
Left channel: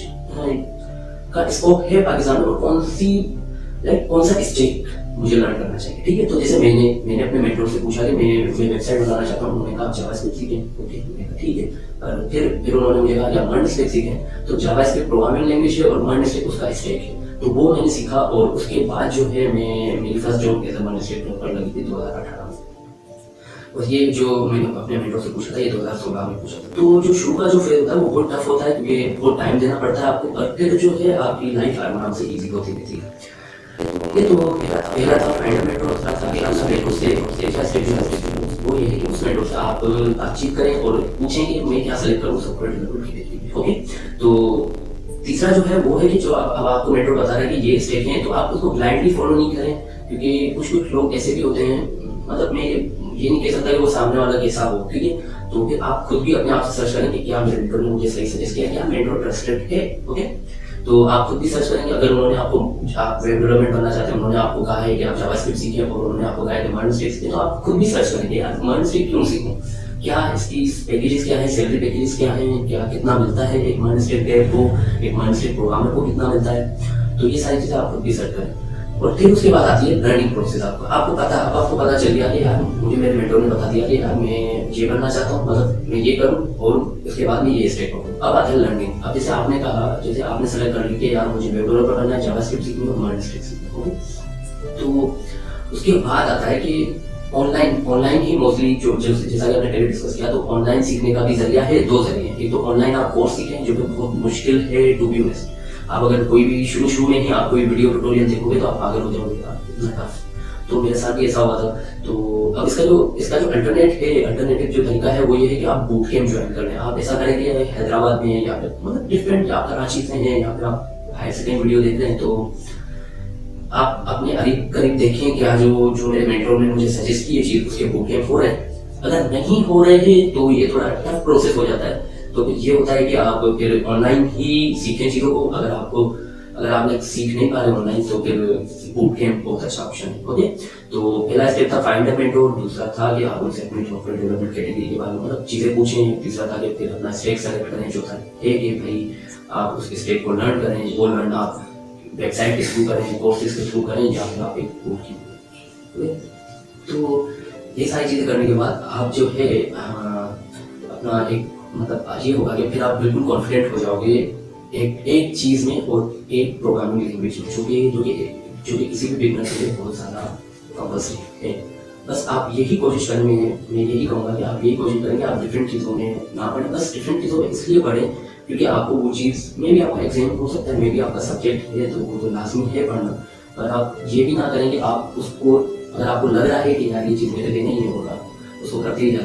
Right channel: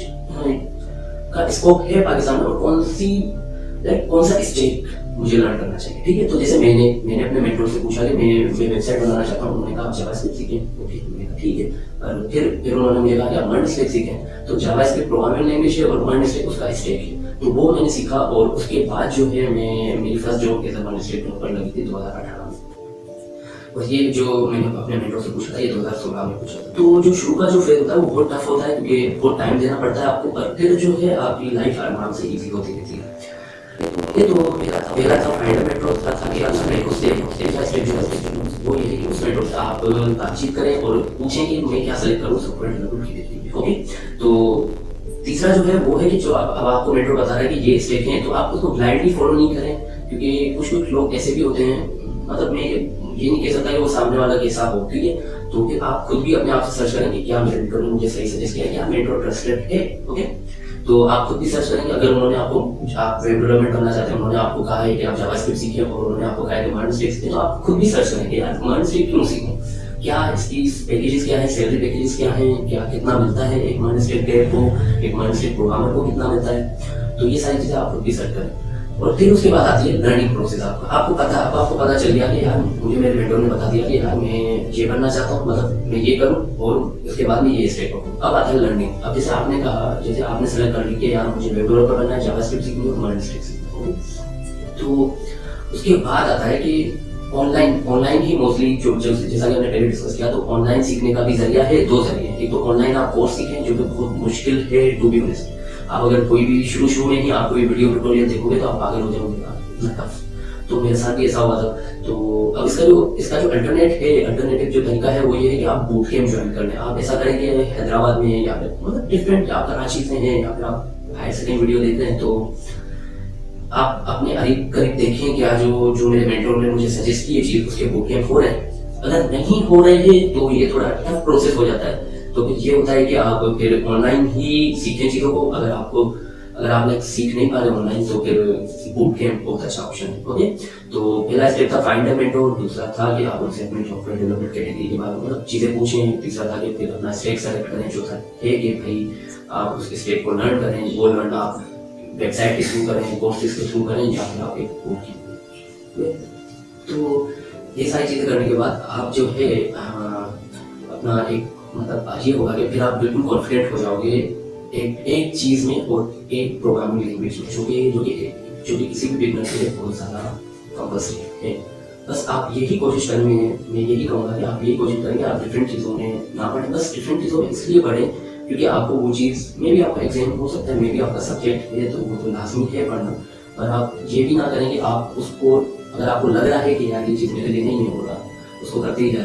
का स्कोप है पाकिस्तान में, और कौन सा स्टेट मुझे लर्न करना चाहिए, ठीक है। तो जैसे मैंने अपने मेंटर से पूछा कि मैं वेबसाइट बनाना चाहता हूँ, उन्होंने कहा जावास्क्रिप्ट सीखें, ठीक है। और फिर उन्होंने मुझे कहा कि आप मर्ज स्टेट सीखें। तो जावास्क्रिप्ट प्रोग्रामिंग लैंग्वेज है और मर्ज स्टेट उसका स्टेट है। तो वो मैंने सीखा, और उसके बाद जो है मेरी first job as a MERN stack developer लगी थी 2018 में। और ये जो मैंने अपने मेंटर से पूछा था, ये 2016 में पूछा था। तो जो शुरू का जो फेज होता है वो बहुत टफ होता है, क्योंकि बहुत टाइम देना पड़ता है आपको, पर फिर जो है आपकी लाइफ आराम से ईजी होती रहती है। ये तो मेरा था फाइंड मेंटर था कि आप सबने वो ये है कि उस मेंटर से आप बातचीत करें और पूछें कि मैं क्या सेलेक्ट करूँ सॉफ्टवेयर डेवलपमेंट के लिए, ओके। तो तीसरा जो है वो है कि जो अब आपको मेंटर बता रहा है कि ये स्टेप हैं, तो आप उसको ब्लाइंडली फॉलो नहीं करें, क्योंकि कुछ लोग ऐसे भी होते हैं, मतलब मैं ये नहीं कह सकता कि वो सामने वाला कैसा हो, ठीक है। तो फिर आप खुद भी अपने आप से सर्च करें कि क्या मेरे मेंटर ने मुझे सही सजेस्ट किया, क्या मेंटर ट्रस्टेड है, ओके। तो आप खुद भी सर्च करेंगे। अगर उन्होंने आप वेब डेवलपमेंट करना चाहते हैं, उन्होंने आपको कहा है कि आप जावास्क्रिप्ट सीखें, और उन्होंने आपको कहा है कि मर्ज स्टेट सीखें, तो आप खुद भी सर्च करेंगे यार मर्ज स्टेट क्यों सीखें, क्या इसकी पैकेजेस क्या है, सैलरी पैकेजेस क्या है, क्या कितना मिलता है एक मर्ज स्टेट डेव को, एक मर्ज स्टेट प्रोग्रामर को कितना मिलता है। तो ये सारी चीज़ें आप खुद भी सर्च करें। और फिर उसके बाद आती है लर्निंग प्रोसेस। आपको पता चल गया कि यार मुझे मेरे मेंटर ने बता दिया कि यार मैं ये बनना चाहता हूँ, मतलब मैं ये करूँ और उसके बाद में ये स्टेप करूँ। अब आती है लर्निंग। अब जैसे आपने कहा, जैसे आपने सेलेक्ट कर लिया कि यार मुझे वेब डेवलपर बनना है, जावास्क्रिप्ट सीखनी है और मर्ज स्टेट सीखनी है, तो उसके बाद आता है कि ऑनलाइन ही मोस्टली जो जो जैसा कि हमने पहले डिस्कस किया, तो ऑनलाइन सीखने का भी जरिया है, दो जरिए हैं। एक तो ऑनलाइन आप कोर्स सीखें जो कि बहुत मुश्किल है टू बी ऑनेस्ट। आप अगर कोई भी शुरू में ही आप कोई वीडियो ट्यूटोरियल देखोगे तो आप पागल हो जाओगे, आप इतना टफ। तो मेरे साथ भी ऐसा हुआ था। तो अब इसका जो अल्टरनेटिव जो तरीका है वो ये है कि आप बूट कैंप ज्वाइन कर लें। आप ऐसा करेंगे हैदराबाद में या फिर मतलब डिफरेंट, आप कराची से हैं या फिर आप हायर से कहीं वीडियो देख रहे हैं, तो आप अपने करीब देखें कि आज जो मेरे मेंटोर ने मुझे सजेस्ट की ये चीज उसके बूट कैंप हो रहे हैं। अगर नहीं हो रहे हैं तो ये थोड़ा टफ प्रोसेस हो जाता है। तो फिर ये होता है कि आप फिर ऑनलाइन ही सीखें चीजों को। अगर आप सीख नहीं पा रहे ऑनलाइन तो फिर बूट कैंप बहुत अच्छा ऑप्शन है। ओके, तो पहला स्टेप था फाइंड अ मेंटोर, दूसरा था कि आप उनसे अपने सॉफ्टवेयर डेवलपमेंट कैटेगरी के बारे में मतलब चीजें पूछें, तीसरा था कि फिर अपना स्टेक सेलेक्ट करें, चौथा है कि भाई आप उस स्टेक को लर्न करें। वो लर्न आप वेबसाइट के थ्रू करें, कोर्सेज के थ्रू करें, या फिर आप एक बूट कैंप। तो ये सारी चीजें करने के बाद आप जो है अपना एक मतलब ये होगा कि फिर आप बिल्कुल कॉन्फिडेंट हो जाओगे एक चीज में और एक प्रोग्रामिंग लैंग्वेज में, जो कि किसी भी बिगनर के लिए बहुत ज़्यादा कंपल्सरी है। बस आप यही कोशिश करें, मैं यही कहूँगा कि आप यही कोशिश करेंगे आप डिफरेंट चीज़ों में ना पढ़ें। बस डिफरेंट चीज़ों में इसलिए पढ़ें क्योंकि आपको वो चीज़ में भी आपका एग्जाम हो सकता है, मे भी आपका सब्जेक्ट है तो वो तो लाजमी है पढ़ना। पर आप ये भी ना करेंगे आप उसको, अगर आपको लग रहा है कि यार ये चीज़ मेरे लिए नहीं हो रहा, उसको करते ही जाए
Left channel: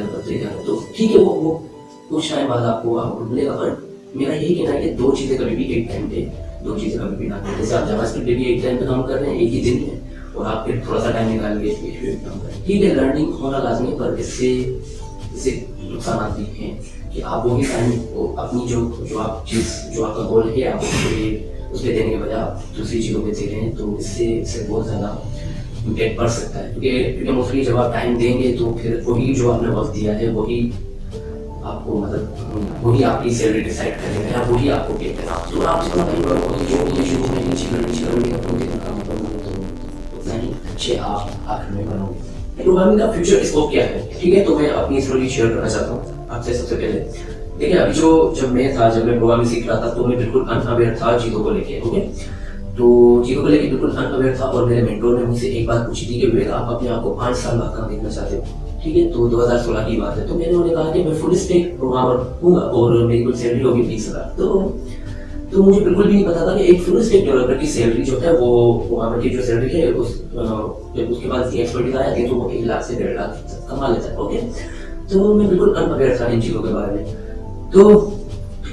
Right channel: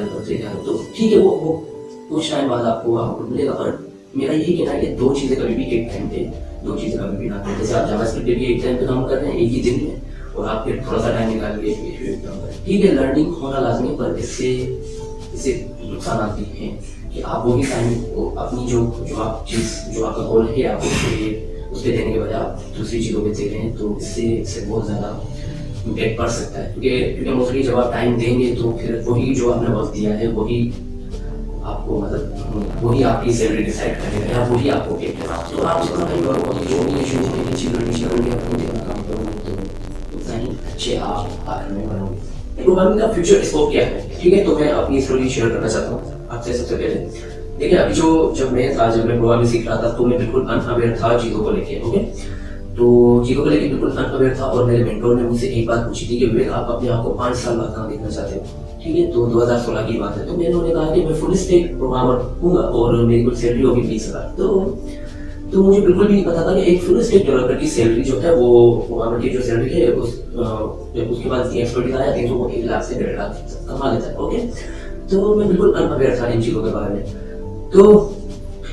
तो ठीक है, वो कुछ टाइम बाद आपको मिलेगा। पर मेरा यही कहना है कि दो चीज़ें कभी भी एक टाइम पे, दो चीज़ें कभी भी ना करें। जैसे आप जावास्क्रिप्ट पे भी एक टाइम पे काम कर रहे हैं एक ही दिन में, और आप फिर थोड़ा सा टाइम निकाल के काम करें। ठीक है, लर्निंग होना लाजमी, पर इससे नुकसान भी हैं कि आप वो भी टाइम को अपनी जो आपका गोल है आप उस पर देने के बजाय आप दूसरी चीज़ों पे दे रहे हैं, तो इससे बहुत ज़्यादा इम्पैक्ट पड़ सकता है। क्योंकि मोस्टली जब आप टाइम देंगे तो फिर वही जो आपने वक्त दिया है वही आपको मतलब वही आपकी सैलरी डिसाइड करेगा, वही आपको पे करेगा। तो आप जितना जो भी शुरू में नीचे करोगे उतना ही अच्छे आप आखिर में बनोगे। प्रोग्रामिंग का फ्यूचर स्कोप क्या है, ठीक है, तो मैं अपनी स्टोरी शेयर करना चाहता हूँ आपसे। सबसे पहले देखिए, अभी जब मैं प्रोग्रामिंग सीख रहा था तो मैं बिल्कुल अनअवेयर था चीज़ों को लेके। ओके, तो चीज़ों को लेके बिल्कुल अनअवेयर था, और मेरे मेंटोर ने मुझसे एक बात पूछी थी कि विवेक आप अपने आप को 5 साल बाद कहाँ देखना चाहते हो, ठीक है। तो 2016 की बात है। तो मैंने उन्हें कहा कि मैं फुल स्टैक प्रोग्रामर हूँगा और मेरी कुछ सैलरी होगी 20,000। तो मुझे बिल्कुल भी नहीं पता था कि एक फुल स्टैक डेवलपर की सैलरी जो है वो प्रोग्रामर की जो सैलरी है उसके बाद इतनी एक्सपर्टीज आ जाती है तो वो 1 लाख से 1.5 लाख कमा लेता है। ओके, तो मैं बिल्कुल अनअवेयर था इन चीज़ों के बारे में। तो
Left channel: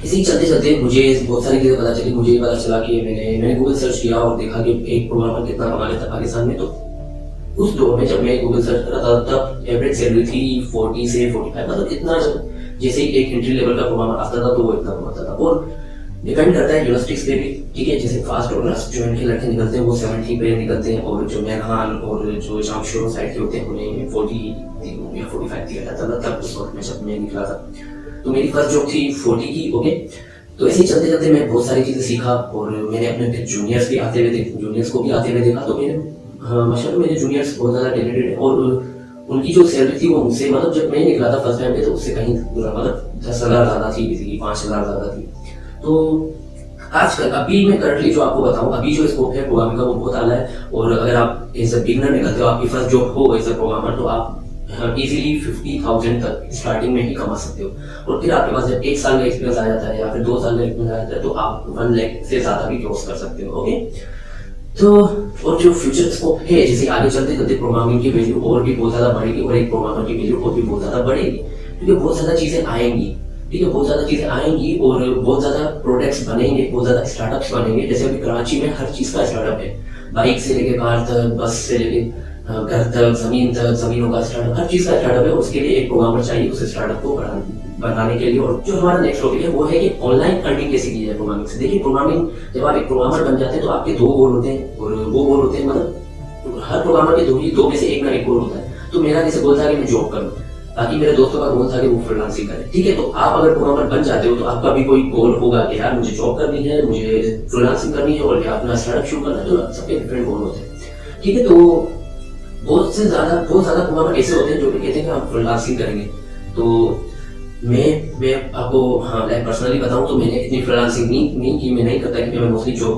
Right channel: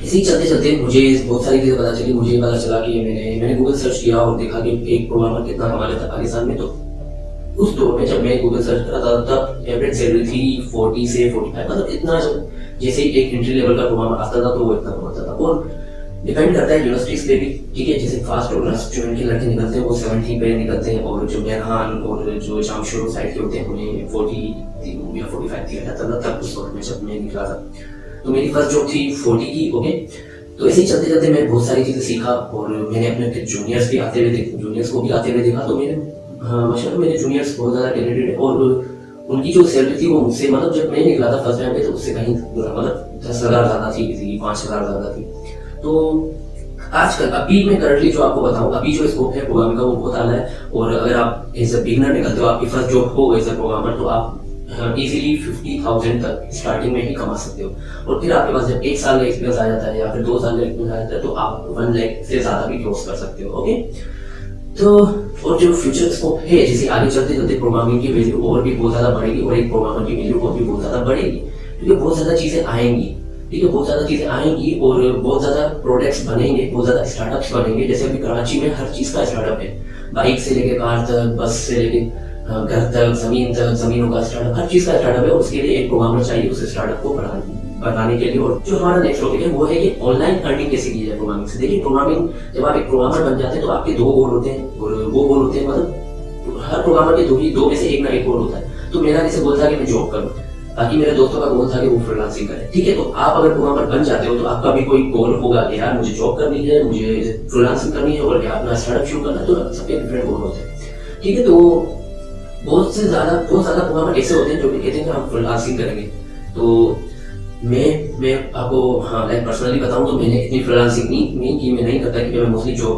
इसी चलते चलते मुझे बहुत सारी चीज़ें पता चली। मुझे पता चला कि मैंने गूगल सर्च किया और देखा कि एक प्रोग्रामर कितना कमा लेता पाकिस्तान में। तो उस दौर में जब मैं गूगल सर्च कर रहा था तब एवरेज सैलरी थी 40 से 45, मतलब इतना जैसे एक एंट्री लेवल का प्रोग्रामर आता था तो वो इतना कमाता था। और डिपेंड करता है यूनिवर्सिटीज पे भी, ठीक है। जैसे फास्ट और जो इनके लड़के निकलते हैं वो 70 पे निकलते हैं, और जो मेहमान और जो जामशोर साइड के होते हैं उन्हें 40 या 45 दिया जाता था तब उस वक्त में जब मैं निकला था। तो मेरी फर्स्ट जॉब थी 40 की। ओके, तो ऐसे चलते चलते मैं बहुत सारी चीज़ें सीखा, और मैंने अपने जूनियर्स को भी आते हुए देखा। तो मैंने मतलब मेरे जूनियर्स बहुत ज़्यादा टैलेंटेड, और उनकी जो सैलरी थी वो मुझसे, मतलब जब मैं निकला था फर्स्ट टाइम पे तो उससे कहीं मतलब 10,000 ज़्यादा थी, किसी की 5,000 ज़्यादा थी। तो आजकल अभी मैं करंटली जो आपको बताऊं, अभी जो स्कोप है प्रोग्रामिंग का वो बहुत आला है। और अगर आप एज अ बिगिनर निकलते हो, आपकी फर्स्ट जॉब हो एज अ प्रोग्रामर, तो आप इजीली 50,000 तक स्टार्टिंग में ही कमा सकते हो। और फिर आपके पास जब 1 साल का एक्सपीरियंस आ जाता है या फिर 2 साल का एक्सपीरियंस आ जाता है तो आप 1 लाख से ज़्यादा भी क्रॉस कर सकते हो। ओके, तो और जो फ्यूचर स्कोप है, जैसे आगे चलते चलते प्रोग्रामिंग की वैल्यू और भी बहुत ज़्यादा बढ़ेगी, और एक प्रोग्रामर की वैल्यू और भी बहुत ज़्यादा बढ़ेगी, क्योंकि बहुत ज़्यादा चीज़ें आएंगी, ठीक है, बहुत ज़्यादा चीज़ें आएंगी और बहुत ज़्यादा प्रोडक्ट्स बनेंगे, बहुत ज़्यादा स्टार्टअप्स बनेंगे। जैसे अभी कराची में हर चीज़ का स्टार्टअप है, बाइक से लेके कार तक, बस से लेके घर तक, ज़मीनों का स्टार्टअप, हर चीज़ का स्टार्टअप है। और उसके लिए एक प्रोग्रामर चाहिए उस स्टार्टअप को बनाने के लिए। और जो हमारा नेक्स्ट टॉपिक है वो है कि ऑनलाइन अर्निंग कैसे की जाए प्रोग्रामिंग से। देखिए, प्रोग्रामिंग जब आप एक प्रोग्रामर बन जाते हैं तो आपके 2 गोल होते हैं, और वो गोल होते हैं मतलब हर प्रोग्रामर के दो में से एक ना एक गोल होता है। तो मेरा जैसे गोल था कि मैं जॉब करूँ, बाकी मेरे दोस्तों का गोल था कि वो फ्रीलांसिंग करें, ठीक है। तो आप अगर प्रोग्रामर बन जाते हो तो आपका भी कोई गोल होगा कि यार मुझे जॉब करनी है, मुझे फ्रीलांसिंग करनी है, और अपना स्टार्टअप शुरू करना है। तो सबके डिफरेंट गोल होते हैं, ठीक है। तो बहुत ज़्यादा प्रोग्रामर ऐसे होते हैं जो कहते हैं कि हम फ्रीलांसिंग करेंगे। तो मैं आपको हाँ लाइक पर्सनली बताऊँ तो मैंने इतनी फ्रीलांसिंग नहीं की, मैं नहीं करता कि मैं मोस्टली जो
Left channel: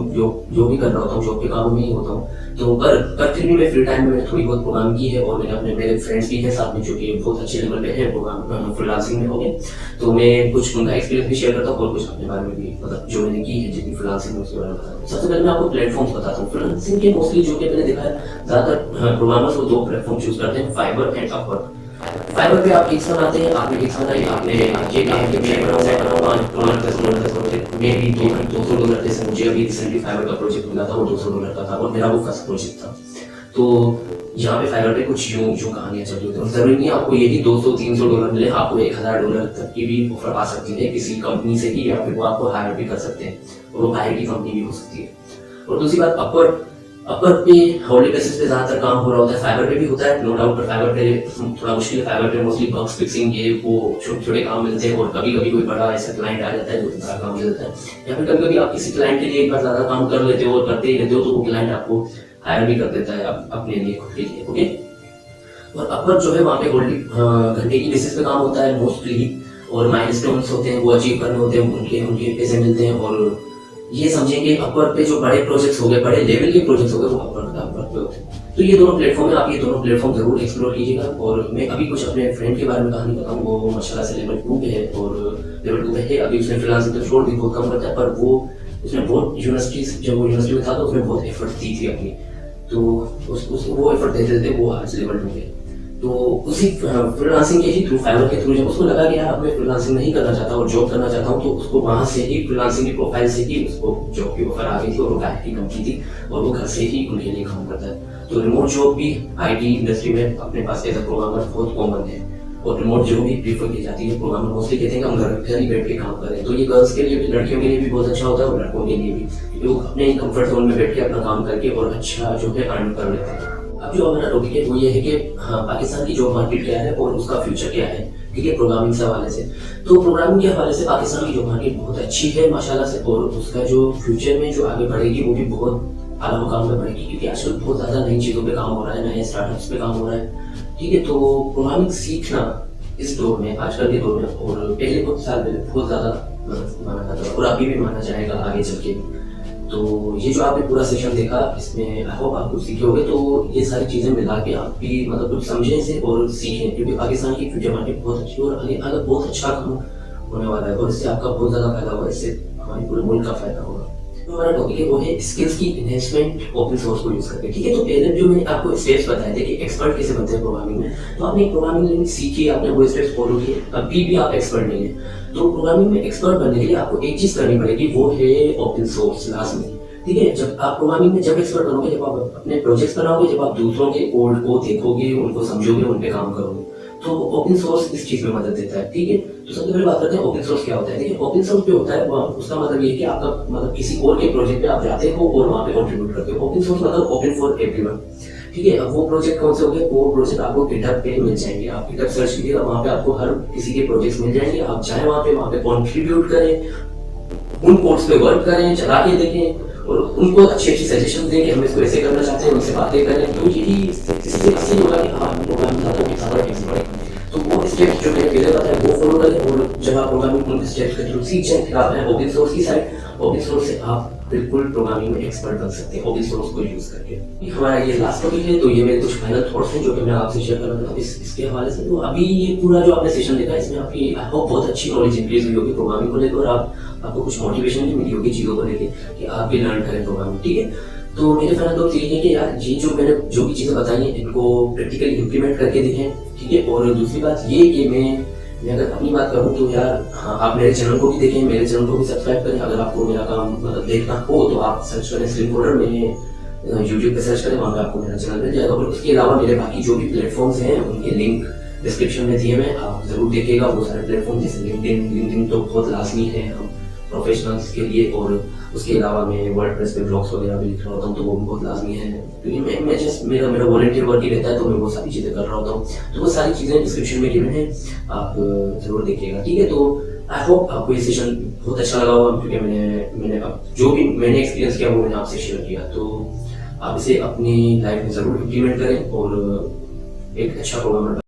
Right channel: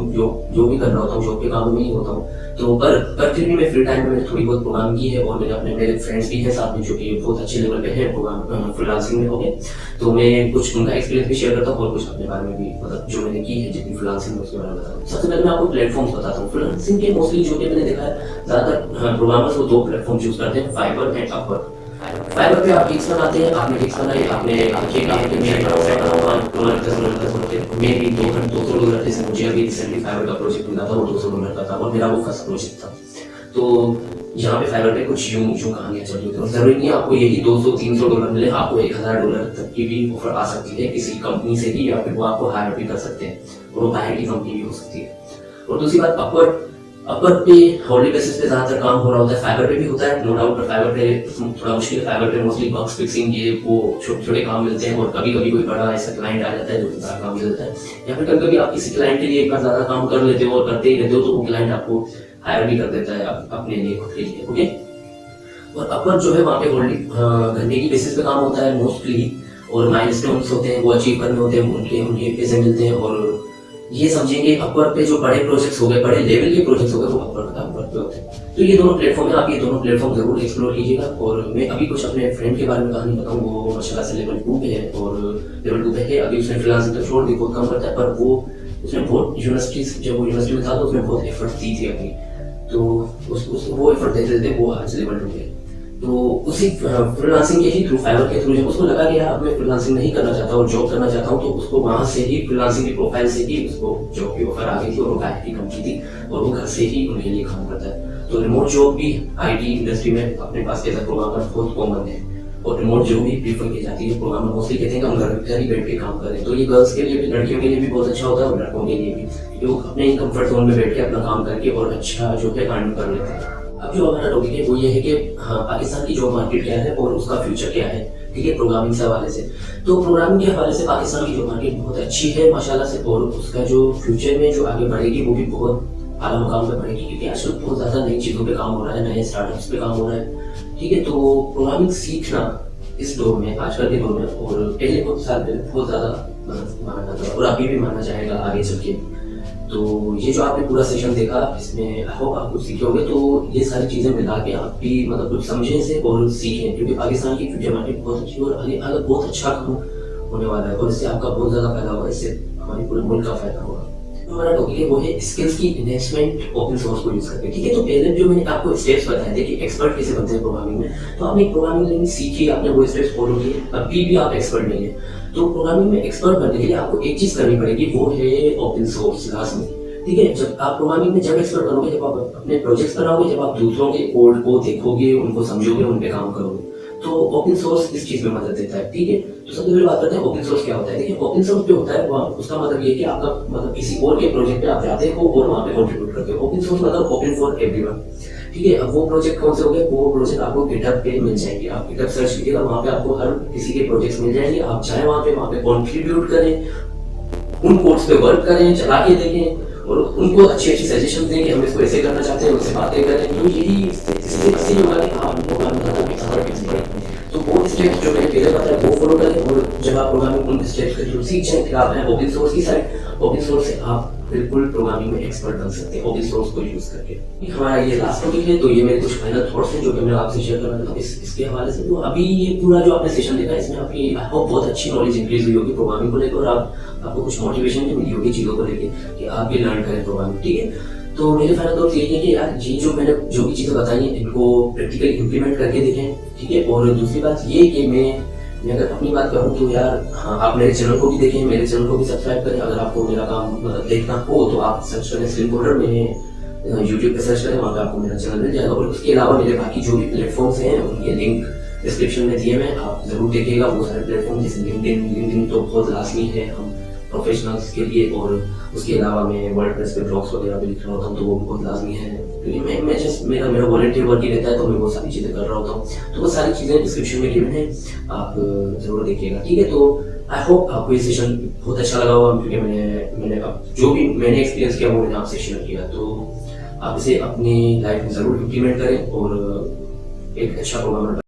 भी कर रहा होता हूँ जॉब के काम में ही होता हूँ। तो पर फिर भी मैं फ्री टाइम में मैंने थोड़ी बहुत प्रोग्रामिंग की है और मैंने अपने मेरे फ्रेंड्स भी हैं साथ में जो कि बहुत अच्छे लेवल पे हैं प्रोग्राम फ्रीलांसिंग में हो गए। तो मैं कुछ उनका एक्सपीरियंस भी शेयर करता हूँ और कुछ अपने बारे में भी मतलब जो मैंने की है जितनी फ्रीलांसिंग में उसके बारे में बताता हूँ। सबसे पहले मैं आपको प्लेटफॉर्म्स बताता हूँ फ्रीलांसिंग के। मोस्टली जो कि मैंने देखा है ज़्यादातर प्रोग्रामर्स वो दो प्लेटफॉर्म चूज करते हैं, फाइवर एंड अपवर्क। फाइवर पे आप गिग्स बनाते हैं, आपने गिग्स बनाई, आपने ये काम कि मैं बनाऊंगा तुम्हारे मेरी कीमत $200 जैसे मुझे अभी रिसेंटली फाइवर का प्रोजेक्ट मिला था वो $200 का था और मेरा वो फर्स्ट प्रोजेक्ट था। तो यहाँ पे फाइवर पे कुछ यूं कहानियां चल रही होती है। जरूरी नहीं आपको यही $200-300 मिले, आपको $1000 तक की भी ऑफर आ सकती है किसी कंपनी से ही, या फिर वो आपको हायर भी कर सकते हैं और वो बाहर की कंपनी भी हो सकती है। और दूसरी बात अपवर्क पे हॉर्ली बेसिस पे ज्यादातर काम हो रहा होता है, फाइवर पे भी होता है नो डाउट, पर फाइवर पे थोड़ा मुश्किल है। फाइवर पे मोस्टली बग्स फिक्सिंग ये वो छोटे छोटे काम मिलते हैं और कभी कभी कोई बड़ा ऐसा क्लाइंट आ जाता है जो बड़ा काम मिल जाता है, या फिर कभी कभी आप किसी क्लाइंट के लिए एक बार ज्यादा काम कर लेते हो और करते ही रहते हो तो वो क्लाइंट आपको हायर भी कर देता है अपने लिए खुद के लिए। ओके, और अपवर्क जो है वहाँ पे हॉर्ली घंटे की बेसिस पे काम होता है मोस्टली, और माइलस्टोन्स होते हैं वो अचीव करने होते हैं, उनके उनके पैसे मिलते हैं। और ये समझेंगे अपवर्क पे जो बड़े प्रोजेक्ट्स हो गए, बड़े लेवल के प्रोजेक्ट्स हो गए वो अपवर्क पे होते हैं। तो ये दोनों प्लेटफॉर्म है, आप ये दोनों प्लेटफॉर्म जरूर एक्सप्लोर कीजिएगा। और मैं अभी कुछ अपने फ्रेंड के बारे में कहानी बताऊँ, वो माशाल्लाह से लेवल 2 पे है और लेवल 2 पे है अभी, उसने फ्रीलांसिंग तो छोड़ दी, बहुत कम करता है, पर वो उसने बहुत यूनिवर्सिटीज जब वो यूनिवर्सिटी में था तो उसने बहुत एफर्ट दी थी अपनी, तो वो एफर्ट देते देते वो आज लेवल 2 पे। तो उसी फ्रीलांसिंग के ही थ्रू, फाइवर के थ्रू जब उसको लगा कि यार मैं फ्रीलांसिंग नहीं करना चाहता और जॉब करना चाहता हूँ, तो उसको वहाँ से ही फ्रीलांसिंग की प्रोफाइल से ही उसको जॉब की ऑफर आ गई थी और वो आईटी कंपनी थी और वो घर से ही उनके लिए काम करता है। तो रिमोट जॉब भी आईटी इंडस्ट्री में अपने पास एज अ प्रोग्रामर बहुत कॉमन है और रिमोट जॉब भी प्रीफर की जाती है। प्रोग्रामर मोस्टली कहते हैं कि हम घर ही बैठ के काम करें, तो ये गर्ल्स के लिए भी, लड़कियों के लिए भी बहुत अच्छा होता है और लड़कों के लिए भी, क्योंकि वो अपने ही कंफर्ट जोन में बैठ के अपना काम करके और अच्छा जो है अर्न कर लेते हैं। अब जो हमारा टॉपिक है वो ये है कि हाँ पाकिस्तान की जॉब मार्केट क्या है और उसका फ्यूचर क्या है, ठीक है, प्रोग्रामिंग से हवाले से। तो प्रोग्रामिंग के हवाले से पाकिस्तान की जॉब मार्केट बहुत अच्छी है माशाल्लाह से, और उसका जो फ्यूचर में जो आगे बढ़ेगी वो भी बहुत आला मुकाम पे बढ़ेगी, क्योंकि आजकल बहुत ज़्यादा नई चीज़ों पे काम हो रहा है, नए स्टार्टअप्स पे काम हो रहा है, ठीक है। तो प्रोग्रामिंग सीखना इस दौर में, आजकल के दौर में और पहले कुछ साल में बहुत ज़्यादा माना जाता है और अभी भी माना जाएगा आगे चल के। तो ये जो आपने पूरा सेशन देखा इसमें आई होप आप कुछ सीखे होंगे। तो ये सारी चीज़ें मिला के आप भी मतलब कुछ समझने से और सीखें, क्योंकि पाकिस्तान की फ्यूचर मार्केट बहुत अच्छी है और आगे आगे बहुत अच्छा काम होने वाला है और इससे आपका बहुत ज़्यादा फायदा होगा, इससे हमारे पूरे मुल्क का फायदा होगा। तो हमारा टॉपिक है वो है स्किल्स की इन्वेस्टमेंट ओपन सोर्स को यूज़ करके, ठीक है। तो पहले जो मैंने आपको स्टेप्स बताए थे कि एक्सपर्ट कैसे बनते हैं प्रोग्रामिंग में, तो आपने प्रोग्रामिंग लैंग्वेज सीखी, आपने वो स्टेप्स फॉलो किए, अभी भी आप एक्सपर्ट नहीं है। तो प्रोग्रामिंग में एक्सपर्ट बनने के लिए आपको एक चीज़ करनी पड़ेगी, वो है ओपन सोर्स लाजमी, ठीक है। जब आप प्रोग्रामिंग में जब एक्सपर्ट बनोगे, जब आप अपने प्रोजेक्ट्स बनाओगे, जब आप दूसरों के कोड को देखोगे, उनको समझोगे, उन पे काम करोगे, तो ओपन सोर्स इस चीज में मदद देता है, ठीक है। तो सबसे पहले बात करते हैं ओपन सोर्स क्या होता है। देखिए ओपन सोर्स जो होता है वो उसका मतलब ये है कि आपका मतलब किसी और के प्रोजेक्ट पे आप जाते हो और वहाँ पे कंट्रीब्यूट करते हो। ओपन सोर्स मतलब ओपन फॉर एवरीवन, ठीक है। अब वो प्रोजेक्ट कौन से हो गए, वो प्रोजेक्ट आपको गिटहब पे मिल जाएंगे, आप गिटहब सर्च कीजिएगा, वहाँ पे आपको हर किसी के प्रोजेक्ट्स मिल जाएंगे, आप चाहे वहाँ पे कंट्रीब्यूट करें, उन कोड्स पे वर्क करें, चला के देखें और उनको अच्छी अच्छी सजेशन दें कि हम इसको ऐसे करना चाहते हैं, उनसे बातें करें। तो यही इससे होगा कि आप प्रोग्रामिंग तो वो स्टेप्स जो मैंने पहले बताया वो फॉलो करें, और जब आप प्रोग्रामिंग उन स्टेप्स के थ्रू सीख जाएं, फिर आप हैं ओपन सोर्स की साइड, ओपन सोर्स से आप बिल्कुल प्रोग्रामिंग में एक्सपर्ट बन सकते हैं ओपन सोर्स को यूज करके। हमारा ये लास्ट टॉपिक है, तो ये मेरे कुछ फाइनल थॉट्स हैं जो कि मैं आपसे शेयर करना चाहता हूँ इसके हवाले से। तो अभी ये पूरा जो आपने सेशन देखा इसमें आपकी आई होप बहुत अच्छी नॉलेज इंक्रीज हुई होगी प्रोग्रामिंग को लेकर, और आपको कुछ मोटिवेशन भी मिली होगी चीज़ों को लेकर कि आप भी लर्न करें प्रोग्रामिंग, ठीक है। तो मेरे फाइनल थॉट्स यही है कि यार ये जो मैंने जो भी चीज़ें बताई हैं इनको प्रैक्टिकली इम्प्लीमेंट करके देखें, ठीक है। और दूसरी बात ये कि मैं अगर अपनी बात करूँ तो यार हाँ आप मेरे चैनल को भी देखें, मेरे चैनल को भी सब्सक्राइब करें। अगर आपको मेरा काम मतलब देखना हो तो आप सर्च करें स्लिम कोडर, मैंने यूट्यूब पे सर्च करें, वहाँ पे आपको मेरा चैनल मिल जाएगा। और उसके अलावा मेरे बाकी जो भी प्लेटफॉर्म्स हैं उनके लिंक डिस्क्रिप्शन में दिए मैं, आप जरूर देखिएगा। बहुत सारे प्लेटफॉर्म जैसे लिंक्डइन तो बहुत लाजमी है हम प्रोफेशनल्स के लिए, और उसके अलावा मैं वर्डप्रेस पे ब्लॉग्स वगैरह भी लिख रहा होता हूँ तो वो भी बहुत लाजमी है, क्योंकि मैं जस्ट मेरा वॉलंटियर वर्क ही रहता है तो मैं वो सारी चीज़ें कर रहा होता हूँ। तो वो सारी चीज़ें डिस्क्रिप्शन में गिवन है, आप जरूर देखिएगा, ठीक है। तो आई होप आपको ये सेशन बहुत अच्छा लगा होगा, क्योंकि मैंने अब जो भी मैंने एक्सपीरियंस किया वो मैंने आपसे शेयर किया। तो आप इसे अपनी लाइफ में ज़रूर इम्प्लीमेंट करें और एक अच्छा प्रोग्रामर